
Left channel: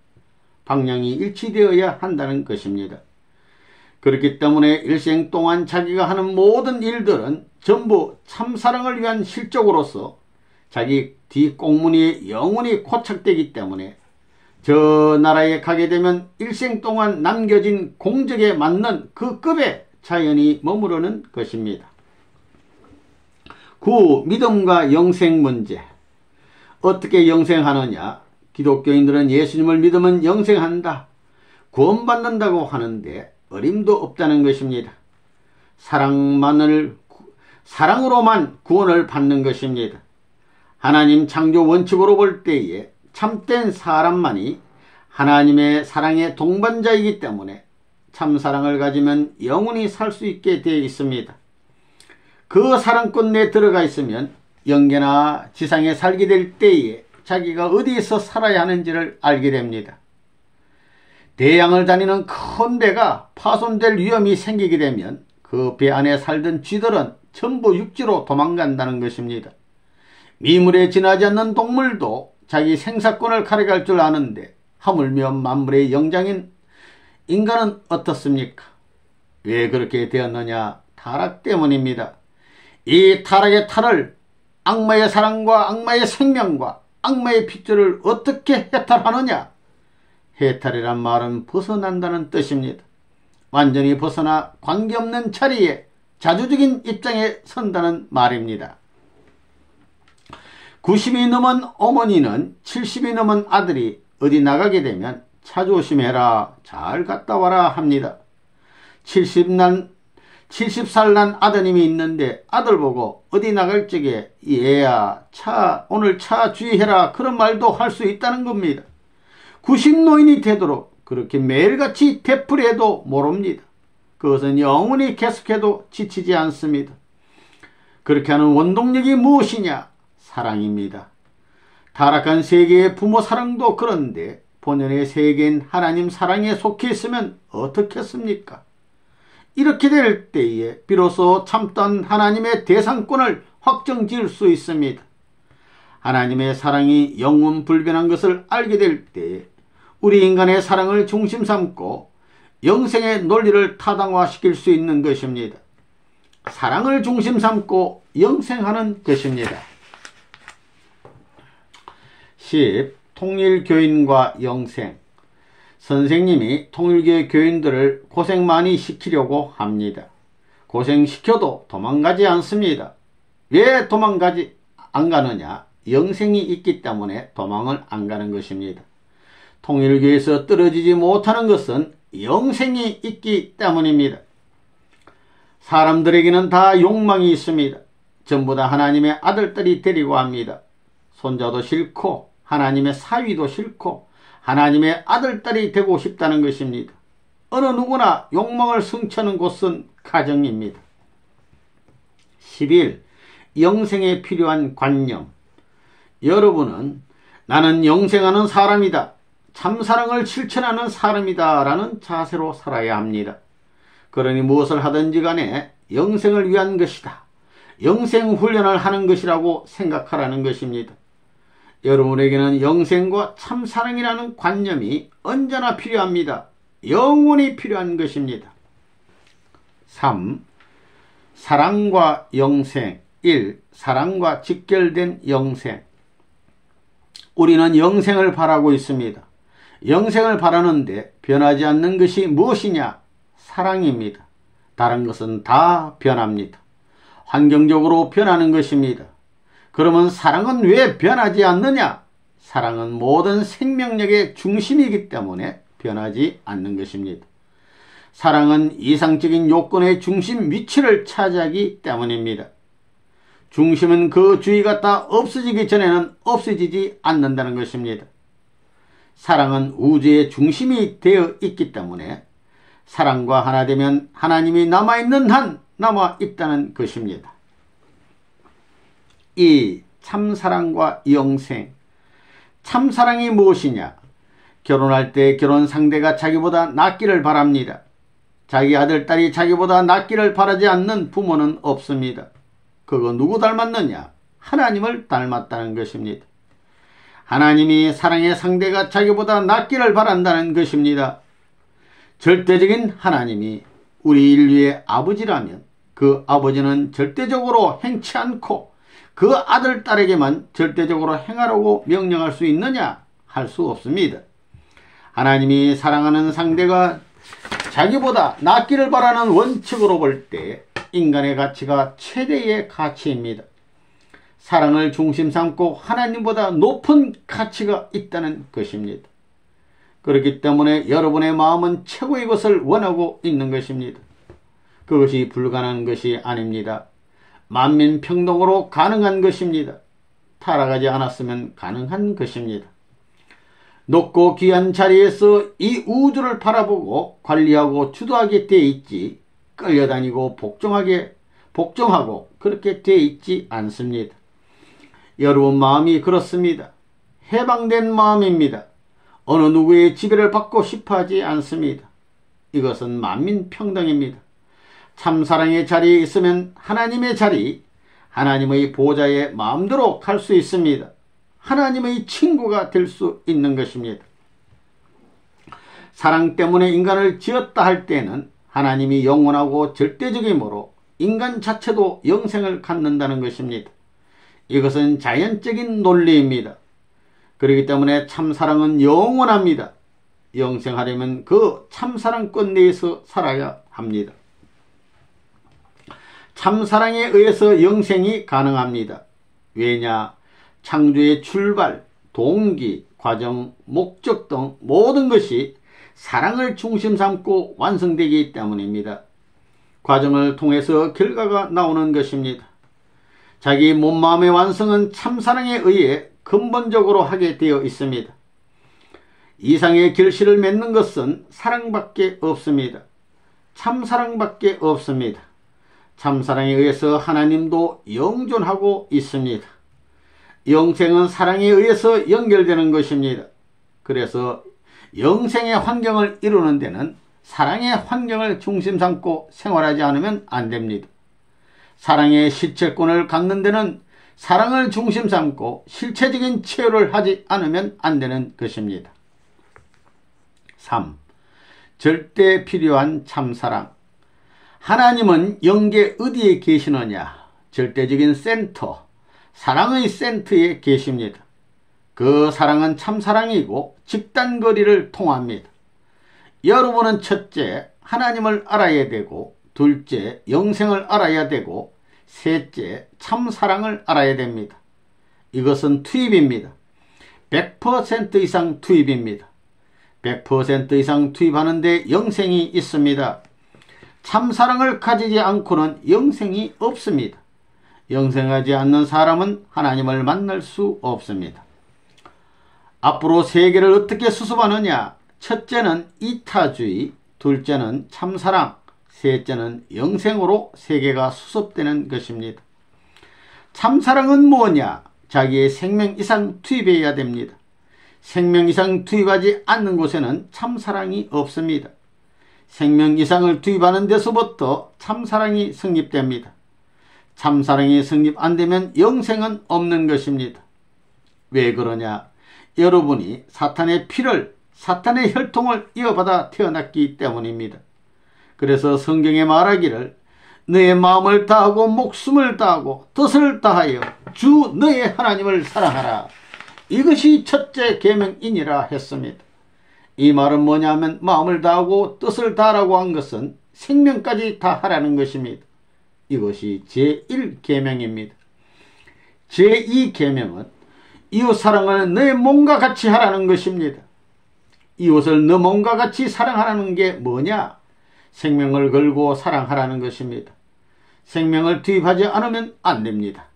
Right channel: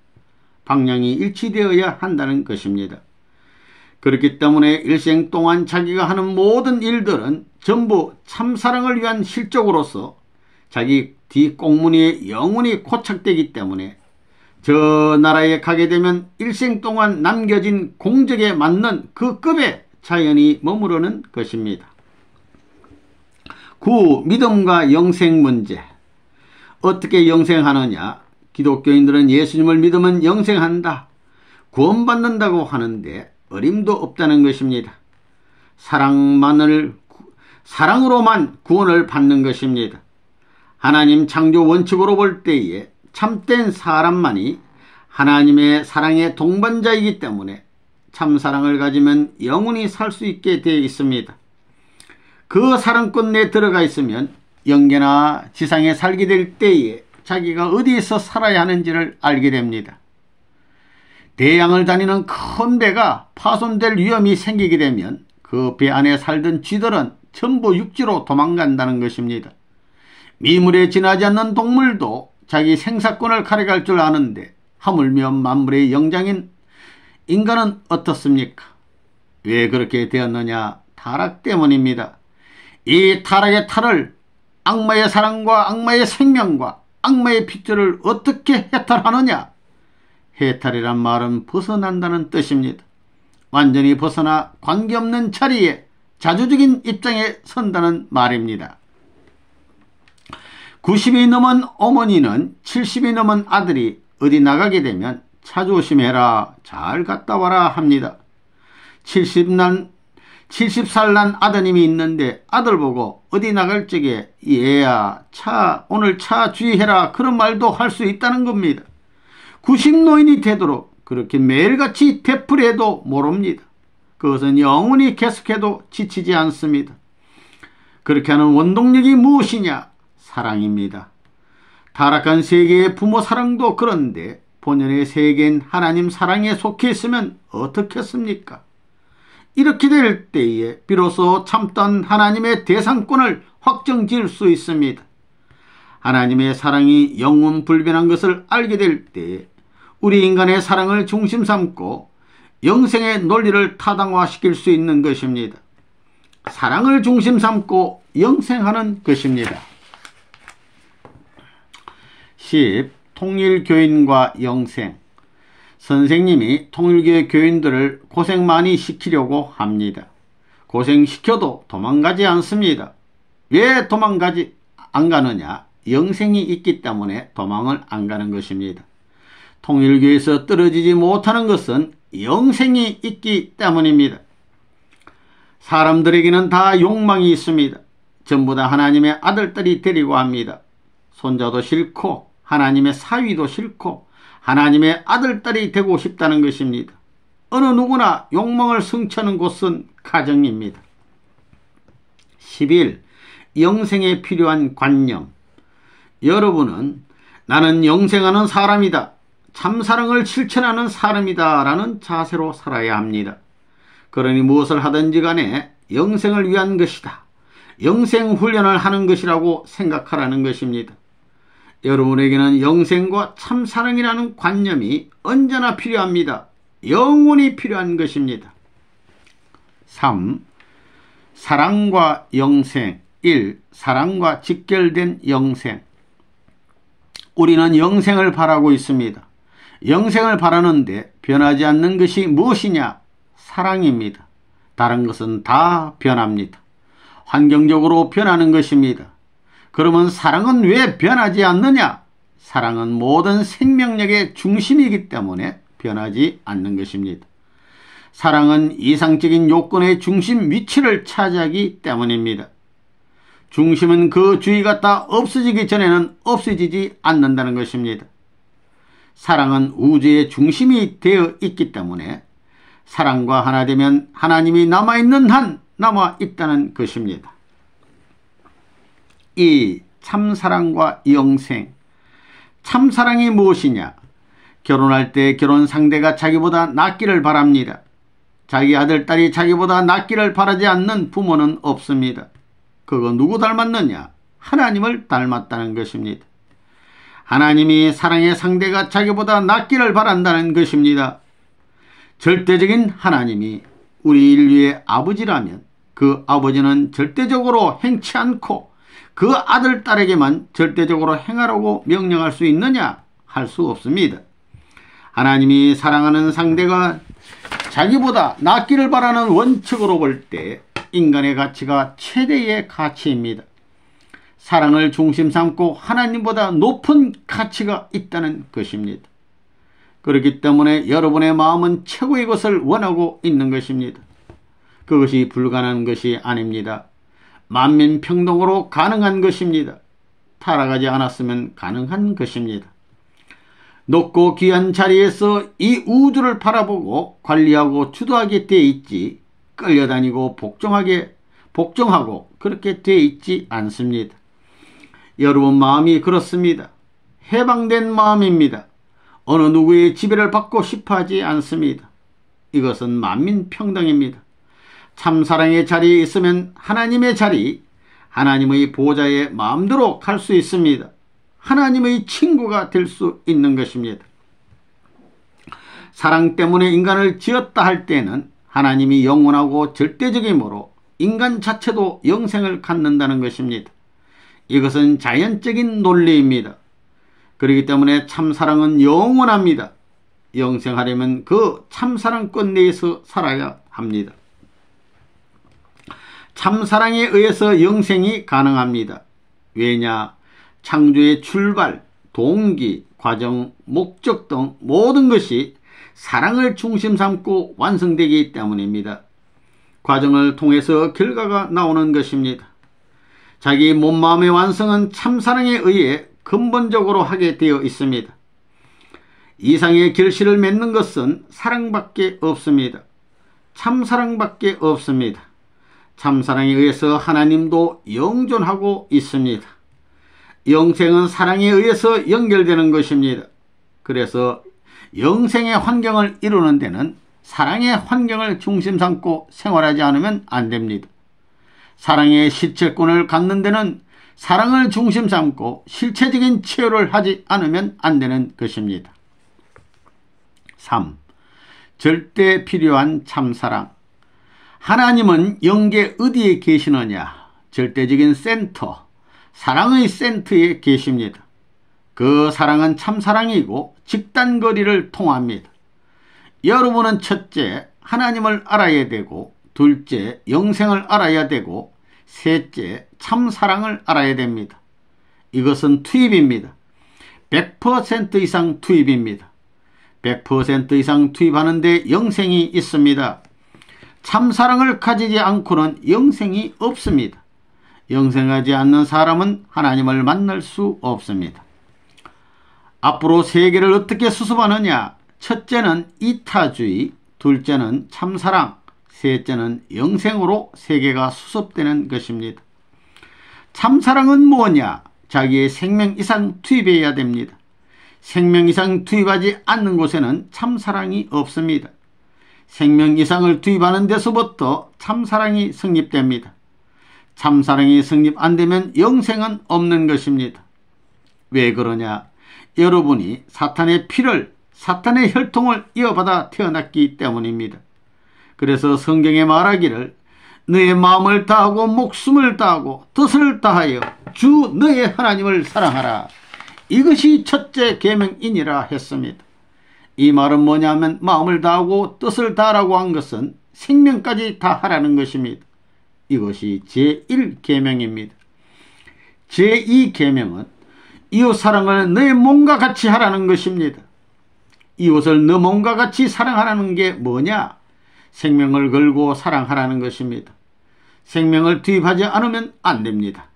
방향이 일치되어야 한다는 것입니다. 그렇기 때문에 일생 동안 자기가 하는 모든 일들은 전부 참사랑을 위한 실적으로서 자기 뒷공문이 영원히 고착되기 때문에 저 나라에 가게 되면 일생 동안 남겨진 공적에 맞는 그 급에 자연히 머무르는 것입니다. 9. 믿음과 영생 문제. 어떻게 영생하느냐? 기독교인들은 예수님을 믿으면 영생한다, 구원받는다고 하는데 어림도 없다는 것입니다. 사랑으로만 구원을 받는 것입니다. 하나님 창조 원칙으로 볼 때에 참된 사람만이 하나님의 사랑의 동반자이기 때문에 참사랑을 가지면 영원히 살 수 있게 되어 있습니다. 그 사랑권 내에 들어가 있으면 영계나 지상에 살게 될 때에 자기가 어디에서 살아야 하는지를 알게 됩니다. 대양을 다니는 큰 배가 파손될 위험이 생기게 되면 그 배 안에 살던 쥐들은 전부 육지로 도망간다는 것입니다. 미물에 지나지 않는 동물도 자기 생사권을 가려갈 줄 아는데 하물며 만물의 영장인 인간은 어떻습니까? 왜 그렇게 되었느냐? 타락 때문입니다. 이 타락의 탈을 악마의 사랑과 악마의 생명과 악마의 핏줄을 어떻게 해탈하느냐? 해탈이란 말은 벗어난다는 뜻입니다. 완전히 벗어나 관계없는 자리에 자주적인 입장에 선다는 말입니다. 90이 넘은 어머니는 70이 넘은 아들이 어디 나가게 되면 차 조심해라, 잘 갔다 와라 합니다. 70살 난 아드님이 있는데 아들 보고 어디 나갈 적에 얘야 오늘 차 주의해라 그런 말도 할 수 있다는 겁니다. 90노인이 되도록 그렇게 매일같이 되풀이해도 모릅니다. 그것은 영원히 계속해도 지치지 않습니다. 그렇게 하는 원동력이 무엇이냐? 사랑입니다. 타락한 세계의 부모 사랑도 그런데 본연의 세계인 하나님 사랑에 속해 있으면 어떻겠습니까? 이렇게 될 때에 비로소 참던 하나님의 대상권을 확정지을 수 있습니다. 하나님의 사랑이 영원불변한 것을 알게 될 때에 우리 인간의 사랑을 중심 삼고 영생의 논리를 타당화시킬 수 있는 것입니다. 사랑을 중심 삼고 영생하는 것입니다. 10. 통일교인과 영생. 선생님이 통일교의 교인들을 고생 많이 시키려고 합니다. 고생시켜도 도망가지 않습니다. 왜 도망가지 안 가느냐? 영생이 있기 때문에 도망을 안 가는 것입니다. 통일교에서 떨어지지 못하는 것은 영생이 있기 때문입니다. 사람들에게는 다 욕망이 있습니다. 전부 다 하나님의 아들들이 되려고 합니다. 손자도 싫고 하나님의 사위도 싫고 하나님의 아들딸이 되고 싶다는 것입니다. 어느 누구나 욕망을 성취하는 곳은 가정입니다. 11. 영생에 필요한 관념. 여러분은 나는 영생하는 사람이다, 참사랑을 실천하는 사람이다 라는 자세로 살아야 합니다. 그러니 무엇을 하든지 간에 영생을 위한 것이다, 영생 훈련을 하는 것이라고 생각하라는 것입니다. 여러분에게는 영생과 참사랑이라는 관념이 언제나 필요합니다. 영원히 필요한 것입니다. 3. 사랑과 영생. 1. 사랑과 직결된 영생. 우리는 영생을 바라고 있습니다. 영생을 바라는데 변하지 않는 것이 무엇이냐? 사랑입니다. 다른 것은 다 변합니다. 환경적으로 변하는 것입니다. 그러면 사랑은 왜 변하지 않느냐? 사랑은 모든 생명력의 중심이기 때문에 변하지 않는 것입니다. 사랑은 이상적인 요건의 중심 위치를 차지하기 때문입니다. 중심은 그 주위가 다 없어지기 전에는 없어지지 않는다는 것입니다. 사랑은 우주의 중심이 되어 있기 때문에 사랑과 하나 되면 하나님이 남아있는 한 남아있다는 것입니다. 2. 참사랑과 영생. 참사랑이 무엇이냐? 결혼할 때 결혼 상대가 자기보다 낫기를 바랍니다. 자기 아들, 딸이 자기보다 낫기를 바라지 않는 부모는 없습니다. 그거 누구 닮았느냐? 하나님을 닮았다는 것입니다. 하나님이 사랑의 상대가 자기보다 낫기를 바란다는 것입니다. 절대적인 하나님이 우리 인류의 아버지라면 그 아버지는 절대적으로 행치 않고 그 아들, 딸에게만 절대적으로 행하라고 명령할 수 있느냐? 할 수 없습니다. 하나님이 사랑하는 상대가 자기보다 낫기를 바라는 원칙으로 볼 때 인간의 가치가 최대의 가치입니다. 사랑을 중심 삼고 하나님보다 높은 가치가 있다는 것입니다. 그렇기 때문에 여러분의 마음은 최고의 것을 원하고 있는 것입니다. 그것이 불가능한 것이 아닙니다. 만민평등으로 가능한 것입니다. 타락하지 않았으면 가능한 것입니다. 높고 귀한 자리에서 이 우주를 바라보고 관리하고 주도하게 되어 있지 끌려다니고 복종하고 그렇게 되어 있지 않습니다. 여러분 마음이 그렇습니다. 해방된 마음입니다. 어느 누구의 지배를 받고 싶어하지 않습니다. 이것은 만민평등입니다. 참사랑의 자리에 있으면 하나님의 자리, 하나님의 보좌에 마음대로 갈 수 있습니다. 하나님의 친구가 될 수 있는 것입니다. 사랑 때문에 인간을 지었다 할 때는 하나님이 영원하고 절대적이므로 인간 자체도 영생을 갖는다는 것입니다. 이것은 자연적인 논리입니다. 그렇기 때문에 참사랑은 영원합니다. 영생하려면 그 참사랑권 내에서 살아야 합니다. 참사랑에 의해서 영생이 가능합니다. 왜냐? 창조의 출발, 동기, 과정, 목적 등 모든 것이 사랑을 중심 삼고 완성되기 때문입니다. 과정을 통해서 결과가 나오는 것입니다. 자기 몸마음의 완성은 참사랑에 의해 근본적으로 하게 되어 있습니다. 이상의 결실을 맺는 것은 사랑밖에 없습니다. 참사랑밖에 없습니다. 참사랑에 의해서 하나님도 영존하고 있습니다. 영생은 사랑에 의해서 연결되는 것입니다. 그래서 영생의 환경을 이루는 데는 사랑의 환경을 중심 삼고 생활하지 않으면 안 됩니다. 사랑의 실체권을 갖는 데는 사랑을 중심 삼고 실체적인 치유를 하지 않으면 안 되는 것입니다. 3. 절대 필요한 참사랑. 하나님은 영계 어디에 계시느냐? 절대적인 센터, 사랑의 센터에 계십니다. 그 사랑은 참사랑이고 직단거리를 통합니다. 여러분은 첫째, 하나님을 알아야 되고, 둘째, 영생을 알아야 되고, 셋째, 참사랑을 알아야 됩니다. 이것은 투입입니다. 100% 이상 투입입니다. 100% 이상 투입하는데 영생이 있습니다. 참사랑을 가지지 않고는 영생이 없습니다. 영생하지 않는 사람은 하나님을 만날 수 없습니다. 앞으로 세계를 어떻게 수습하느냐? 첫째는 이타주의, 둘째는 참사랑, 셋째는 영생으로 세계가 수습되는 것입니다. 참사랑은 뭐냐? 자기의 생명 이상 투입해야 됩니다. 생명 이상 투입하지 않는 곳에는 참사랑이 없습니다. 생명 이상을 투입하는 데서부터 참사랑이 성립됩니다. 참사랑이 성립 안 되면 영생은 없는 것입니다. 왜 그러냐? 여러분이 사탄의 피를, 사탄의 혈통을 이어받아 태어났기 때문입니다. 그래서 성경에 말하기를 너의 마음을 다하고 목숨을 다하고 뜻을 다하여 주 너의 하나님을 사랑하라. 이것이 첫째 계명이니라 했습니다. 이 말은 뭐냐면 마음을 다하고 뜻을 다하라고 한 것은 생명까지 다하라는 것입니다. 이것이 제1계명입니다. 제2계명은 이웃사랑을 너의 몸과 같이 하라는 것입니다. 이웃을 너 몸과 같이 사랑하라는 게 뭐냐? 생명을 걸고 사랑하라는 것입니다. 생명을 투입하지 않으면 안 됩니다.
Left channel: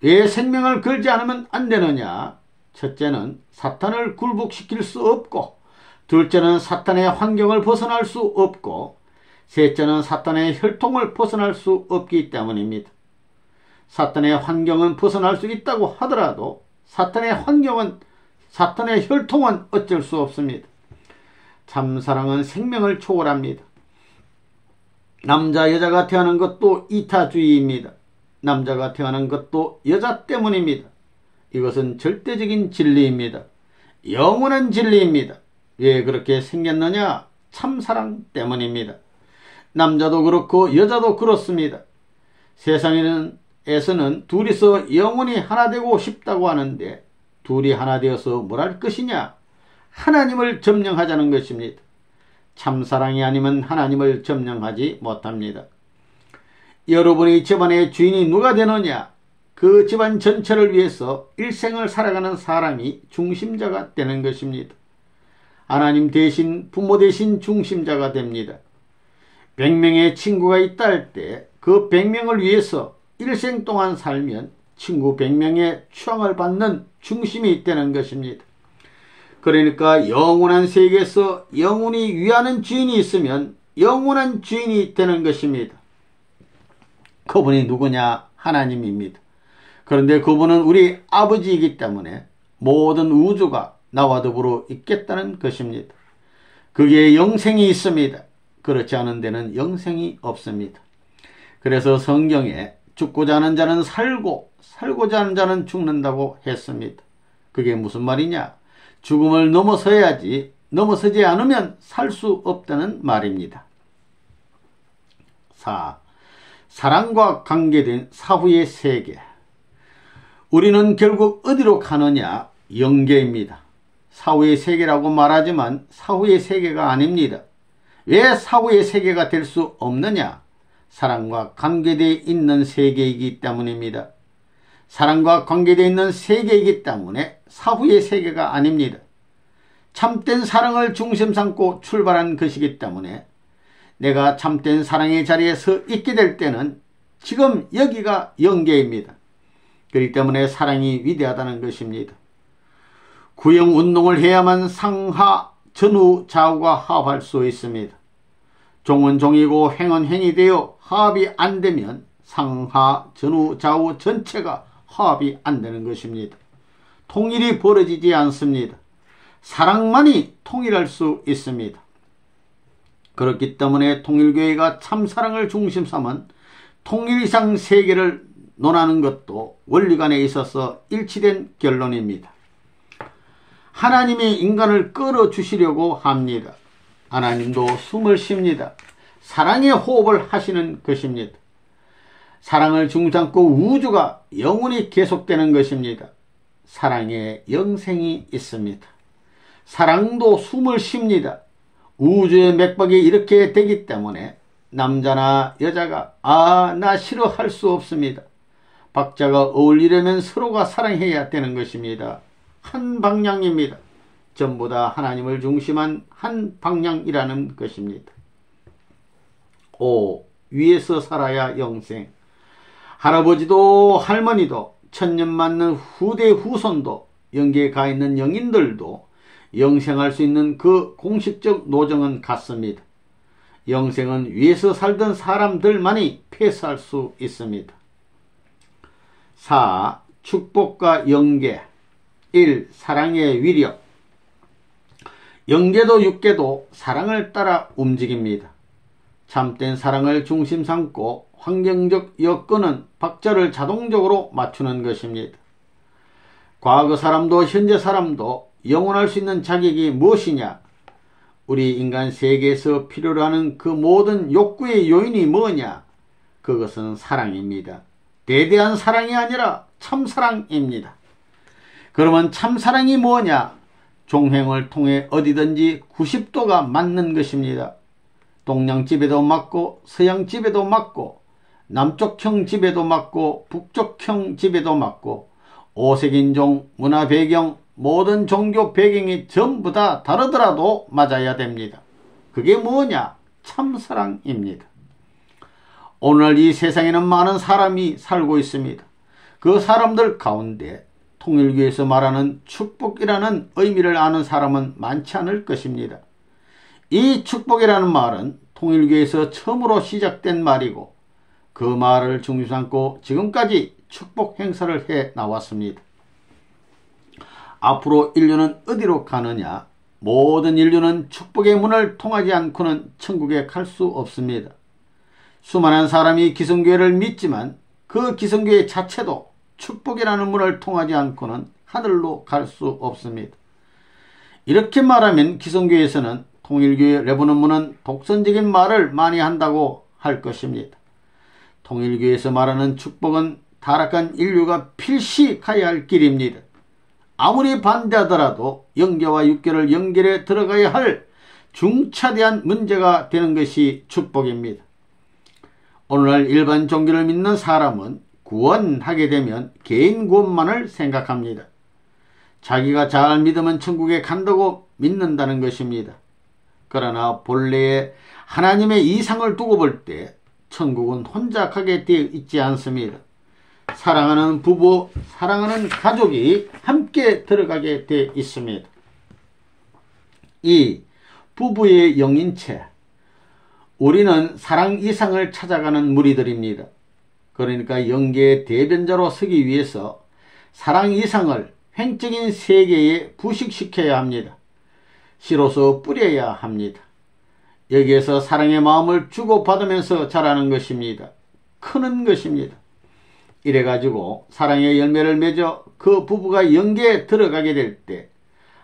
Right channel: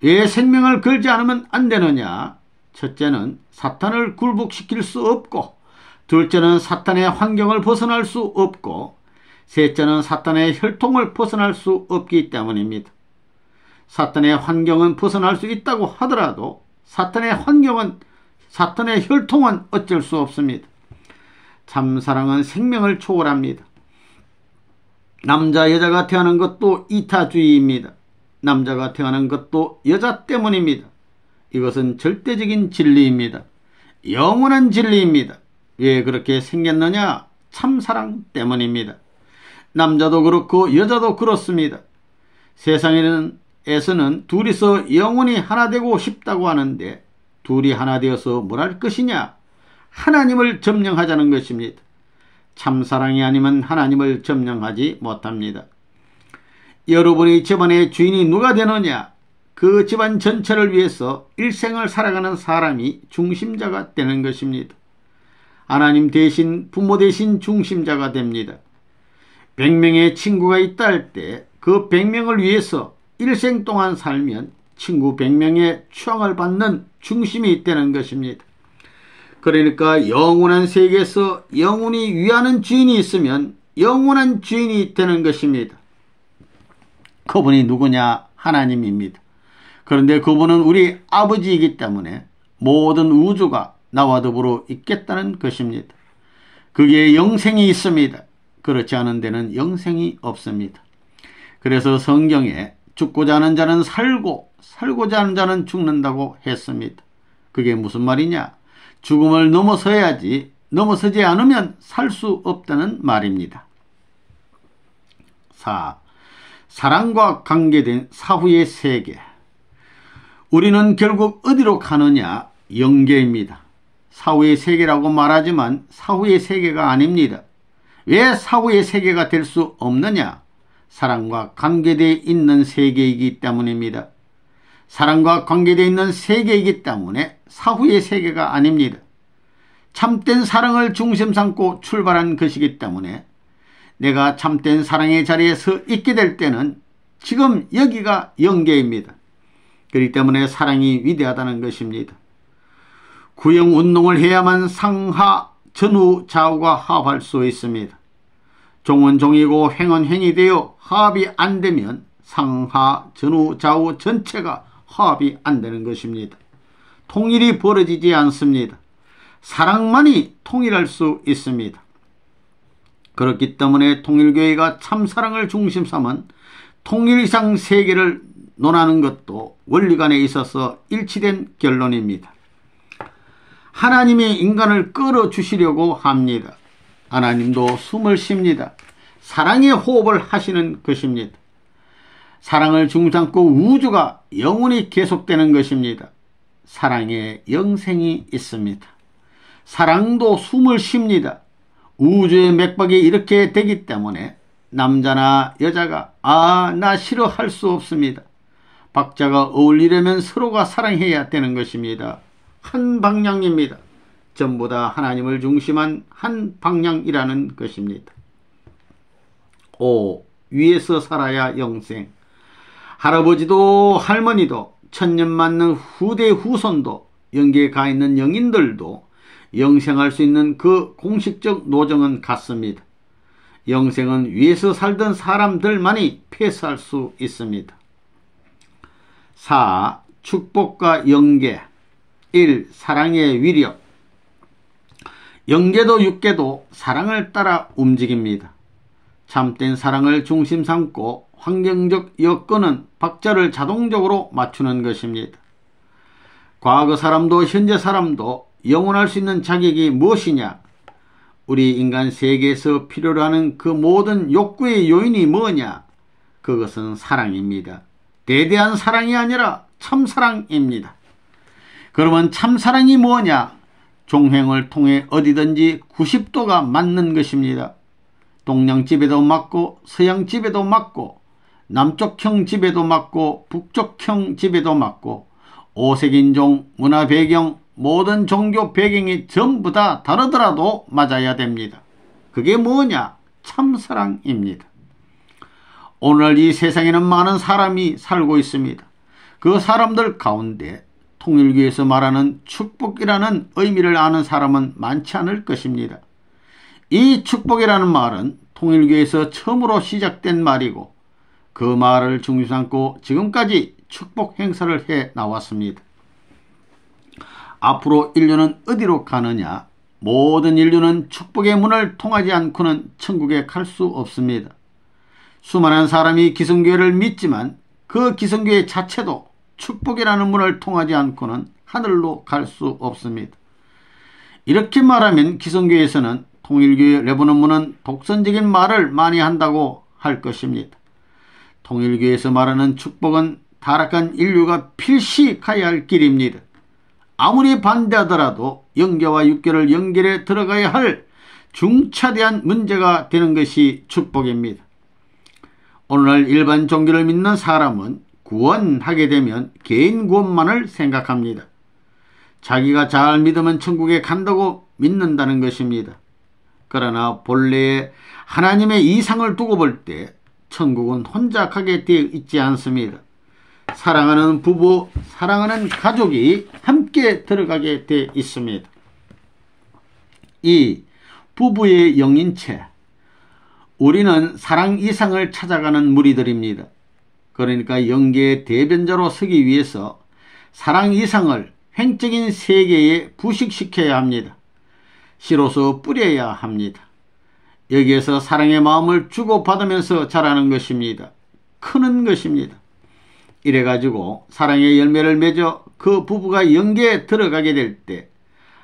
왜 생명을 걸지 않으면 안 되느냐? 첫째는 사탄을 굴복시킬 수 없고, 둘째는 사탄의 환경을 벗어날 수 없고, 셋째는 사탄의 혈통을 벗어날 수 없기 때문입니다. 사탄의 환경은 벗어날 수 있다고 하더라도 사탄의 환경은, 사탄의 혈통은 어쩔 수 없습니다. 참사랑은 생명을 초월합니다. 남자 여자가 태어난 것도 이타주의입니다. 남자가 태어난 것도 여자 때문입니다. 이것은 절대적인 진리입니다. 영원한 진리입니다. 왜 그렇게 생겼느냐? 참사랑 때문입니다. 남자도 그렇고 여자도 그렇습니다. 세상에서는 둘이서 영원히 하나 되고 싶다고 하는데 둘이 하나 되어서 뭘 할 것이냐? 하나님을 점령하자는 것입니다. 참사랑이 아니면 하나님을 점령하지 못합니다. 여러분의 집안의 주인이 누가 되느냐? 그 집안 전체를 위해서 일생을 살아가는 사람이 중심자가 되는 것입니다. 하나님 대신, 부모 대신 중심자가 됩니다. 100명의 친구가 있다 할 때 그 100명을 위해서 일생 동안 살면 친구 100명의 추앙을 받는 중심이 되는 것입니다. 그러니까 영원한 세계에서 영원히 위하는 주인이 있으면 영원한 주인이 되는 것입니다. 그분이 누구냐? 하나님입니다. 그런데 그분은 우리 아버지이기 때문에 모든 우주가 나와 더불어 있겠다는 것입니다. 그게 영생이 있습니다. 그렇지 않은 데는 영생이 없습니다. 그래서 성경에 죽고자 하는 자는 살고 살고자 하는 자는 죽는다고 했습니다. 그게 무슨 말이냐? 죽음을 넘어서야지, 넘어서지 않으면 살 수 없다는 말입니다. 4. 사랑과 관계된 사후의 세계. 우리는 결국 어디로 가느냐? 영계입니다. 사후의 세계라고 말하지만 사후의 세계가 아닙니다. 왜 사후의 세계가 될 수 없느냐? 사랑과 관계되어 있는 세계이기 때문입니다. 사랑과 관계되어 있는 세계이기 때문에 사후의 세계가 아닙니다. 참된 사랑을 중심 삼고 출발한 것이기 때문에 내가 참된 사랑의 자리에 서 있게 될 때는 지금 여기가 영계입니다. 그렇기 때문에 사랑이 위대하다는 것입니다. 구형운동을 해야만 상하, 전후, 좌우가 화합할 수 있습니다. 종은 종이고 행은 행이 되어 화합이 안 되면 상하, 전후, 좌우 전체가 화합이 안 되는 것입니다. 통일이 벌어지지 않습니다. 사랑만이 통일할 수 있습니다. 그렇기 때문에 통일교회가 참사랑을 중심 삼은 통일 이상 세계를 논하는 것도 원리관에 있어서 일치된 결론입니다. 하나님이 인간을 끌어주시려고 합니다. 하나님도 숨을 쉽니다. 사랑의 호흡을 하시는 것입니다. 사랑을 중심삼고 우주가 영원히 계속되는 것입니다. 사랑에 영생이 있습니다. 사랑도 숨을 쉽니다. 우주의 맥박이 이렇게 되기 때문에 남자나 여자가 나 싫어할 수 없습니다. 박자가 어울리려면 서로가 사랑해야 되는 것입니다. 한 방향입니다. 전부 다 하나님을 중심한 한 방향이라는 것입니다. 5. 위에서 살아야 영생. 할아버지도 할머니도 천년 맞는 후대 후손도 영계에 가 있는 영인들도 영생할 수 있는 그 공식적 노정은 같습니다. 영생은 위에서 살던 사람들만이 패스할 수 있습니다. 4. 축복과 영계. 1. 사랑의 위력. 영계도 육계도 사랑을 따라 움직입니다. 참된 사랑을 중심 삼고 환경적 여건은 박자를 자동적으로 맞추는 것입니다. 과거 사람도 현재 사람도 영원할 수 있는 자격이 무엇이냐? 우리 인간 세계에서 필요로 하는 그 모든 욕구의 요인이 뭐냐? 그것은 사랑입니다. 대대한 사랑이 아니라 참사랑입니다. 그러면 참사랑이 뭐냐? 종횡을 통해 어디든지 90도가 맞는 것입니다. 동양집에도 맞고 서양집에도 맞고 남쪽형 집에도 맞고 북쪽형 집에도 맞고 오색인종, 문화 배경, 모든 종교 배경이 전부 다 다르더라도 맞아야 됩니다. 그게 뭐냐? 참사랑입니다. 오늘 이 세상에는 많은 사람이 살고 있습니다. 그 사람들 가운데 통일교에서 말하는 축복이라는 의미를 아는 사람은 많지 않을 것입니다. 이 축복이라는 말은 통일교에서 처음으로 시작된 말이고 그 말을 중심 삼고 지금까지 축복 행사를 해 나왔습니다. 앞으로 인류는 어디로 가느냐? 모든 인류는 축복의 문을 통하지 않고는 천국에 갈 수 없습니다. 수많은 사람이 기성교회를 믿지만 그 기성교회 자체도 축복이라는 문을 통하지 않고는 하늘로 갈 수 없습니다. 이렇게 말하면 기성교회에서는 통일교회 레바논문은 독선적인 말을 많이 한다고 할 것입니다. 통일교회에서 말하는 축복은 타락한 인류가 필시 가야 할 길입니다. 아무리 반대하더라도 영계와 육계를 연결해 들어가야 할 중차대한 문제가 되는 것이 축복입니다. 오늘날 일반 종교를 믿는 사람은 구원하게 되면 개인 구원만을 생각합니다. 자기가 잘 믿으면 천국에 간다고 믿는다는 것입니다. 그러나 본래의 하나님의 이상을 두고 볼 때 천국은 혼자 가게 되어 있지 않습니다. 사랑하는 부부, 사랑하는 가족이 함께 들어가게 되어 있습니다. 2. 부부의 영인체. 우리는 사랑 이상을 찾아가는 무리들입니다. 그러니까 영계의 대변자로 서기 위해서 사랑 이상을 횡적인 세계에 부식시켜야 합니다. 씨로서 뿌려야 합니다. 여기에서 사랑의 마음을 주고받으면서 자라는 것입니다. 크는 것입니다. 이래가지고 사랑의 열매를 맺어 그 부부가 영계에 들어가게 될 때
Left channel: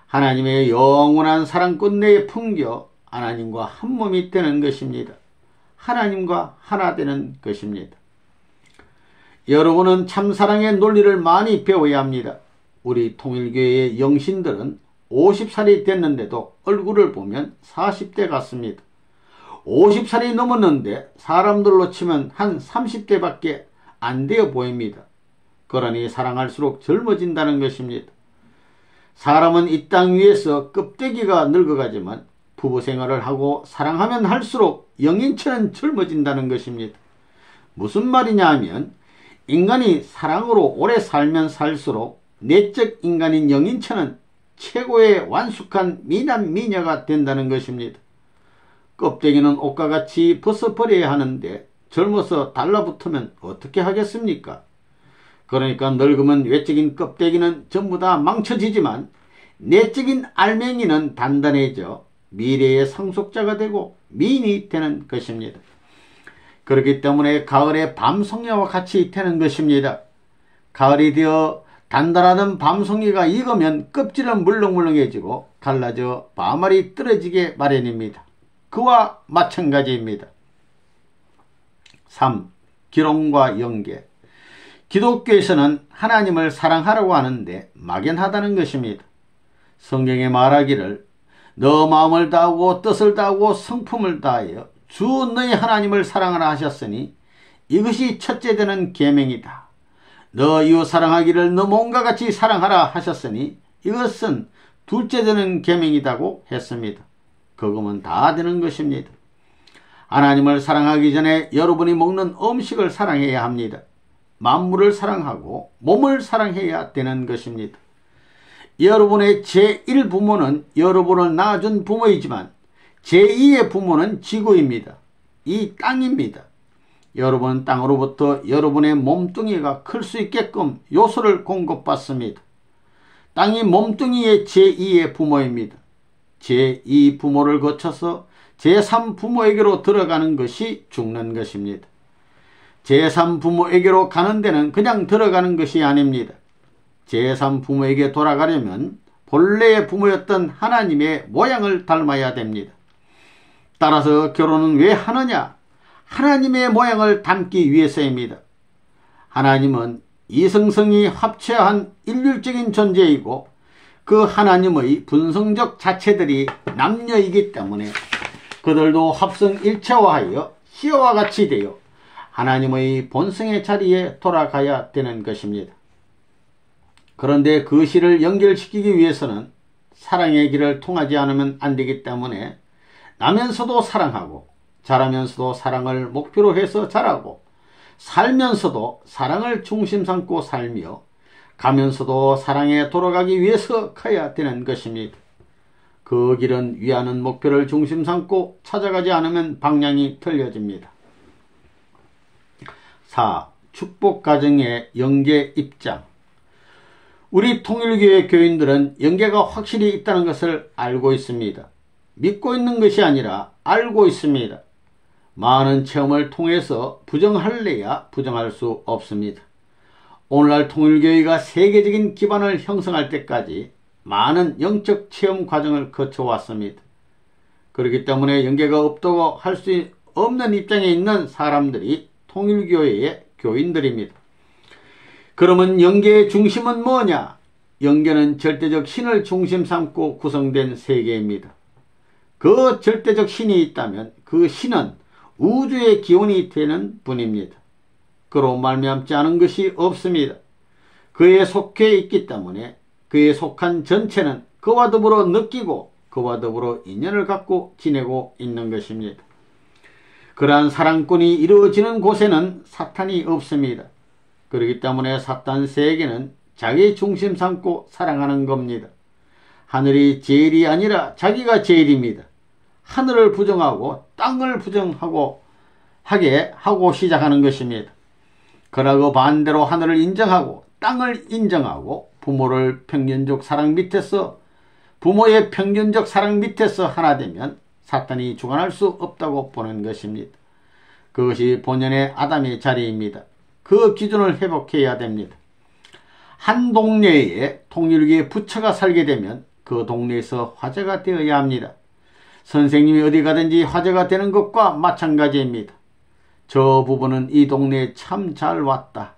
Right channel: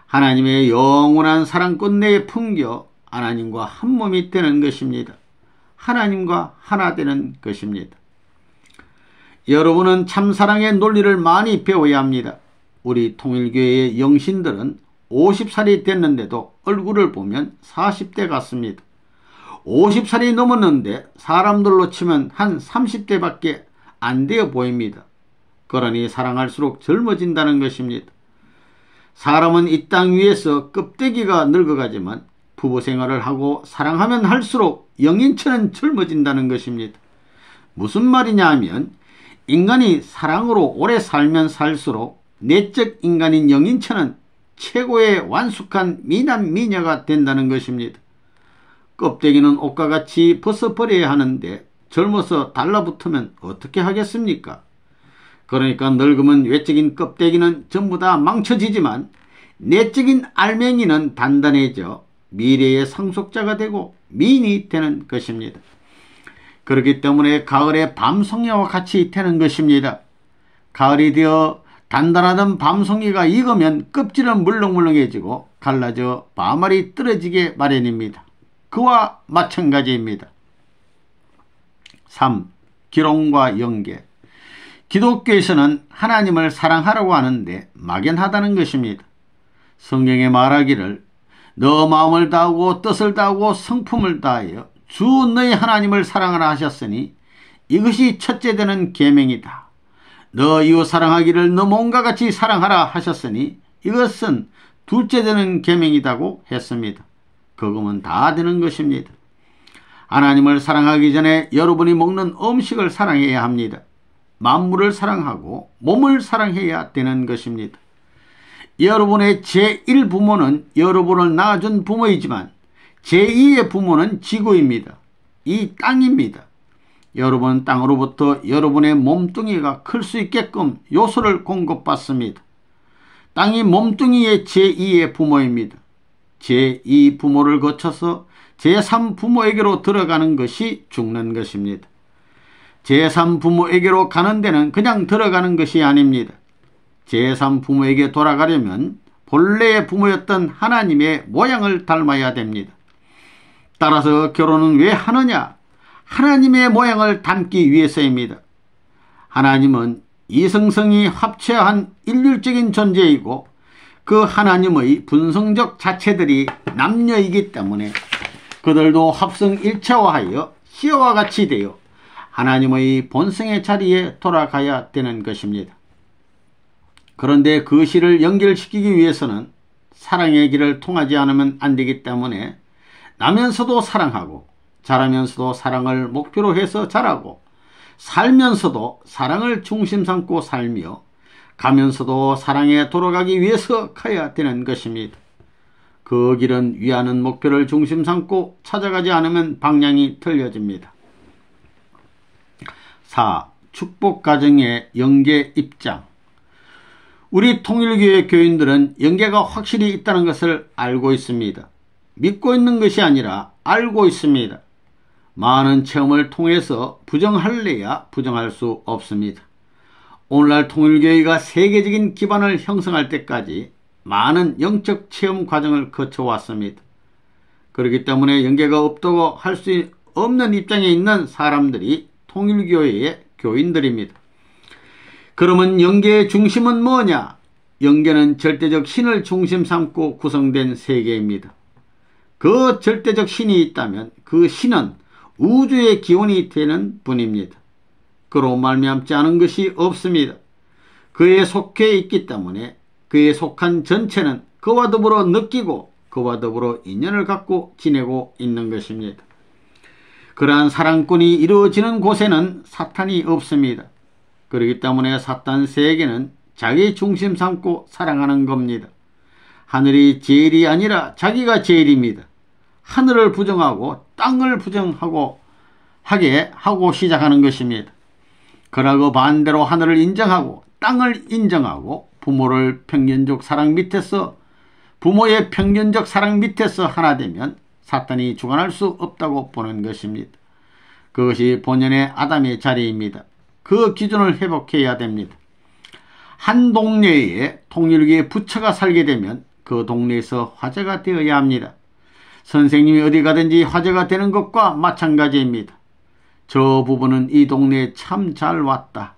하나님의 영원한 사랑꽃 내에 품겨 하나님과 한 몸이 되는 것입니다. 하나님과 하나 되는 것입니다. 여러분은 참사랑의 논리를 많이 배워야 합니다. 우리 통일교회의 영신들은 50살이 됐는데도 얼굴을 보면 40대 같습니다. 50살이 넘었는데 사람들로 치면 한 30대밖에 안 되어 보입니다. 그러니 사랑할수록 젊어진다는 것입니다. 사람은 이 땅 위에서 껍데기가 늙어가지만 부부 생활을 하고 사랑하면 할수록 영인처럼 젊어진다는 것입니다. 무슨 말이냐 하면 인간이 사랑으로 오래 살면 살수록 내적 인간인 영인처는 최고의 완숙한 미남 미녀가 된다는 것입니다. 껍데기는 옷과 같이 벗어버려야 하는데 젊어서 달라붙으면 어떻게 하겠습니까? 그러니까 늙으면 외적인 껍데기는 전부 다 망쳐지지만 내적인 알맹이는 단단해져 미래의 상속자가 되고 미인이 되는 것입니다. 그렇기 때문에 가을에 밤송이와 같이 되는 것입니다. 가을이 되어 단단하던 밤송이가 익으면 껍질은 물렁물렁해지고 갈라져 밤알이 떨어지게 마련입니다. 그와 마찬가지입니다. 3. 기롱과 연계. 기독교에서는 하나님을 사랑하라고 하는데 막연하다는 것입니다. 성경에 말하기를 너 마음을 다하고 뜻을 다하고 성품을 다하여 주 너희 하나님을 사랑하라 하셨으니 이것이 첫째 되는 계명이다. 너 이웃 사랑하기를 너 몸과 같이 사랑하라 하셨으니 이것은 둘째 되는 계명이라고 했습니다. 그거면 다 되는 것입니다. 하나님을 사랑하기 전에 여러분이 먹는 음식을 사랑해야 합니다. 만물을 사랑하고 몸을 사랑해야 되는 것입니다. 여러분의 제1부모는 여러분을 낳아준 부모이지만 제2의 부모는 지구입니다. 이 땅입니다. 여러분은 땅으로부터 여러분의 몸뚱이가 클 수 있게끔 요소를 공급받습니다. 땅이 몸뚱이의 제2의 부모입니다. 제2 부모를 거쳐서 제3 부모에게로 들어가는 것이 죽는 것입니다. 제3 부모에게로 가는 데는 그냥 들어가는 것이 아닙니다. 제3 부모에게 돌아가려면 본래의 부모였던 하나님의 모양을 닮아야 됩니다. 따라서 결혼은 왜 하느냐? 하나님의 모양을 닮기 위해서입니다. 하나님은 이성성이 합체한 일률적인 존재이고 그 하나님의 분성적 자체들이 남녀이기 때문에 그들도 합성 일체화하여 씨와 같이 되어 하나님의 본성의 자리에 돌아가야 되는 것입니다. 그런데 그 시를 연결시키기 위해서는 사랑의 길을 통하지 않으면 안 되기 때문에 나면서도 사랑하고 자라면서도 사랑을 목표로 해서 자라고 살면서도 사랑을 중심 삼고 살며 가면서도 사랑에 돌아가기 위해서 가야 되는 것입니다. 그 길은 위하는 목표를 중심 삼고 찾아가지 않으면 방향이 틀려집니다. 4. 축복가정의 영계 입장. 우리 통일교회 교인들은 영계가 확실히 있다는 것을 알고 있습니다. 믿고 있는 것이 아니라 알고 있습니다. 많은 체험을 통해서 부정할래야 부정할 수 없습니다. 오늘날 통일교회가 세계적인 기반을 형성할 때까지 많은 영적 체험 과정을 거쳐왔습니다. 그렇기 때문에 영계가 없다고 할 수 없는 입장에 있는 사람들이 통일교회의 교인들입니다. 그러면 영계의 중심은 뭐냐? 영계는 절대적 신을 중심 삼고 구성된 세계입니다. 그 절대적 신이 있다면 그 신은 우주의 기원이 되는 분입니다. 그로 말미암지 않은 것이 없습니다. 그에 속해 있기 때문에 그에 속한 전체는 그와 더불어 느끼고 그와 더불어 인연을 갖고 지내고 있는 것입니다. 그러한 사랑권이 이루어지는 곳에는 사탄이 없습니다. 그렇기 때문에 사탄 세계는 자기 중심 삼고 사랑하는 겁니다. 하늘이 제일이 아니라 자기가 제일입니다. 하늘을 부정하고 땅을 부정하고 하게 하고 시작하는 것입니다. 그러고 반대로 하늘을 인정하고 땅을 인정하고 부모의 평균적 사랑 밑에서 하나 되면 사탄이 주관할 수 없다고 보는 것입니다. 그것이 본연의 아담의 자리입니다. 그 기준을 회복해야 됩니다. 한 동네에 통일교의 부처가 살게 되면 그 동네에서 화제가 되어야 합니다. 선생님이 어디 가든지 화제가 되는 것과 마찬가지입니다. 저 부부는 이 동네에 참 잘 왔다.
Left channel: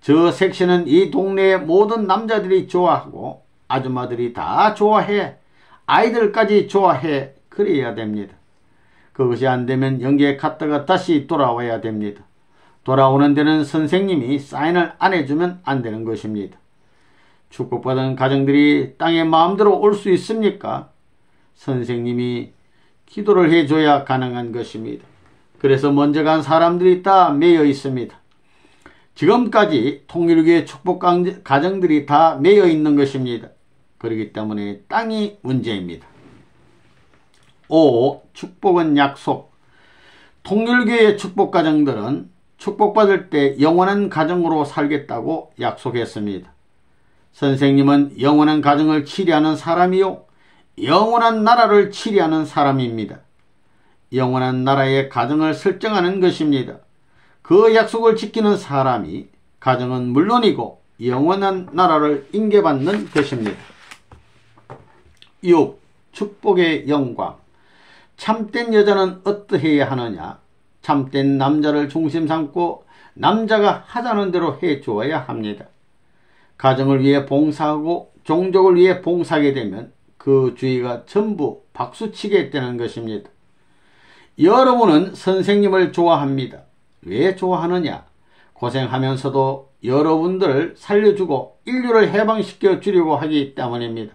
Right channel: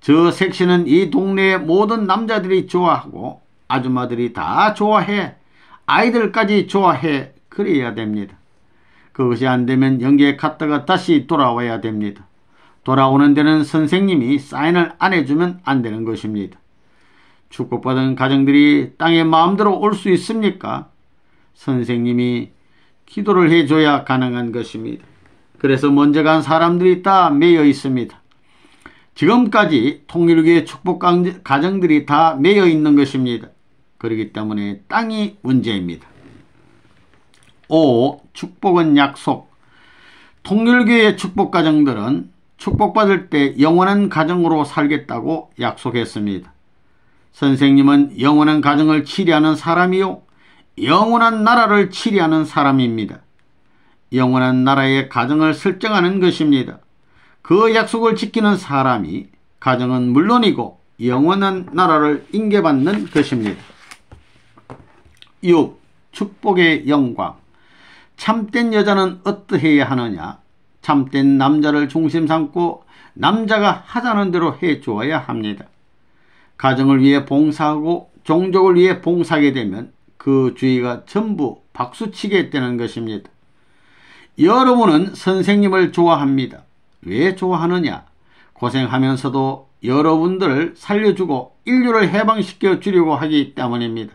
저 섹시는 이 동네의 모든 남자들이 좋아하고 아줌마들이 다 좋아해. 아이들까지 좋아해. 그래야 됩니다. 그것이 안 되면 영계에 갔다가 다시 돌아와야 됩니다. 돌아오는 데는 선생님이 사인을 안 해주면 안 되는 것입니다. 축복받은 가정들이 땅에 마음대로 올 수 있습니까? 선생님이 기도를 해줘야 가능한 것입니다. 그래서 먼저 간 사람들이 다 매여 있습니다. 지금까지 통일교의 축복 가정들이 다 매여 있는 것입니다. 그렇기 때문에 땅이 문제입니다. 5. 축복은 약속. 통일교의 축복 가정들은 축복받을 때 영원한 가정으로 살겠다고 약속했습니다. 선생님은 영원한 가정을 치리하는 사람이요 영원한 나라를 치리하는 사람입니다. 영원한 나라의 가정을 설정하는 것입니다. 그 약속을 지키는 사람이 가정은 물론이고 영원한 나라를 인계받는 것입니다. 6. 축복의 영광. 참된 여자는 어떠해야 하느냐? 참된 남자를 중심 삼고 남자가 하자는 대로 해주어야 합니다. 가정을 위해 봉사하고 종족을 위해 봉사하게 되면 그 주위가 전부 박수치게 되는 것입니다. 여러분은 선생님을 좋아합니다. 왜 좋아하느냐? 고생하면서도 여러분들을 살려주고 인류를 해방시켜 주려고 하기 때문입니다.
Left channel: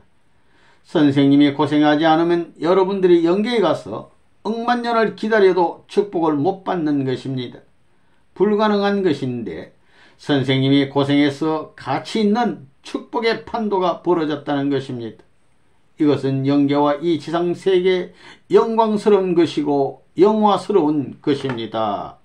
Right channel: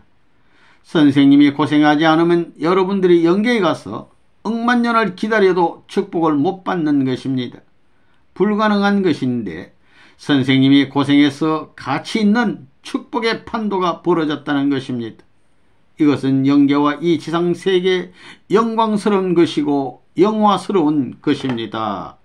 선생님이 고생하지 않으면 여러분들이 영계에 가서 억만 년을 기다려도 축복을 못 받는 것입니다. 불가능한 것인데 선생님이 고생해서 가치 있는 축복의 판도가 벌어졌다는 것입니다. 이것은 영계와 이 지상세계에 영광스러운 것이고 영화스러운 것입니다.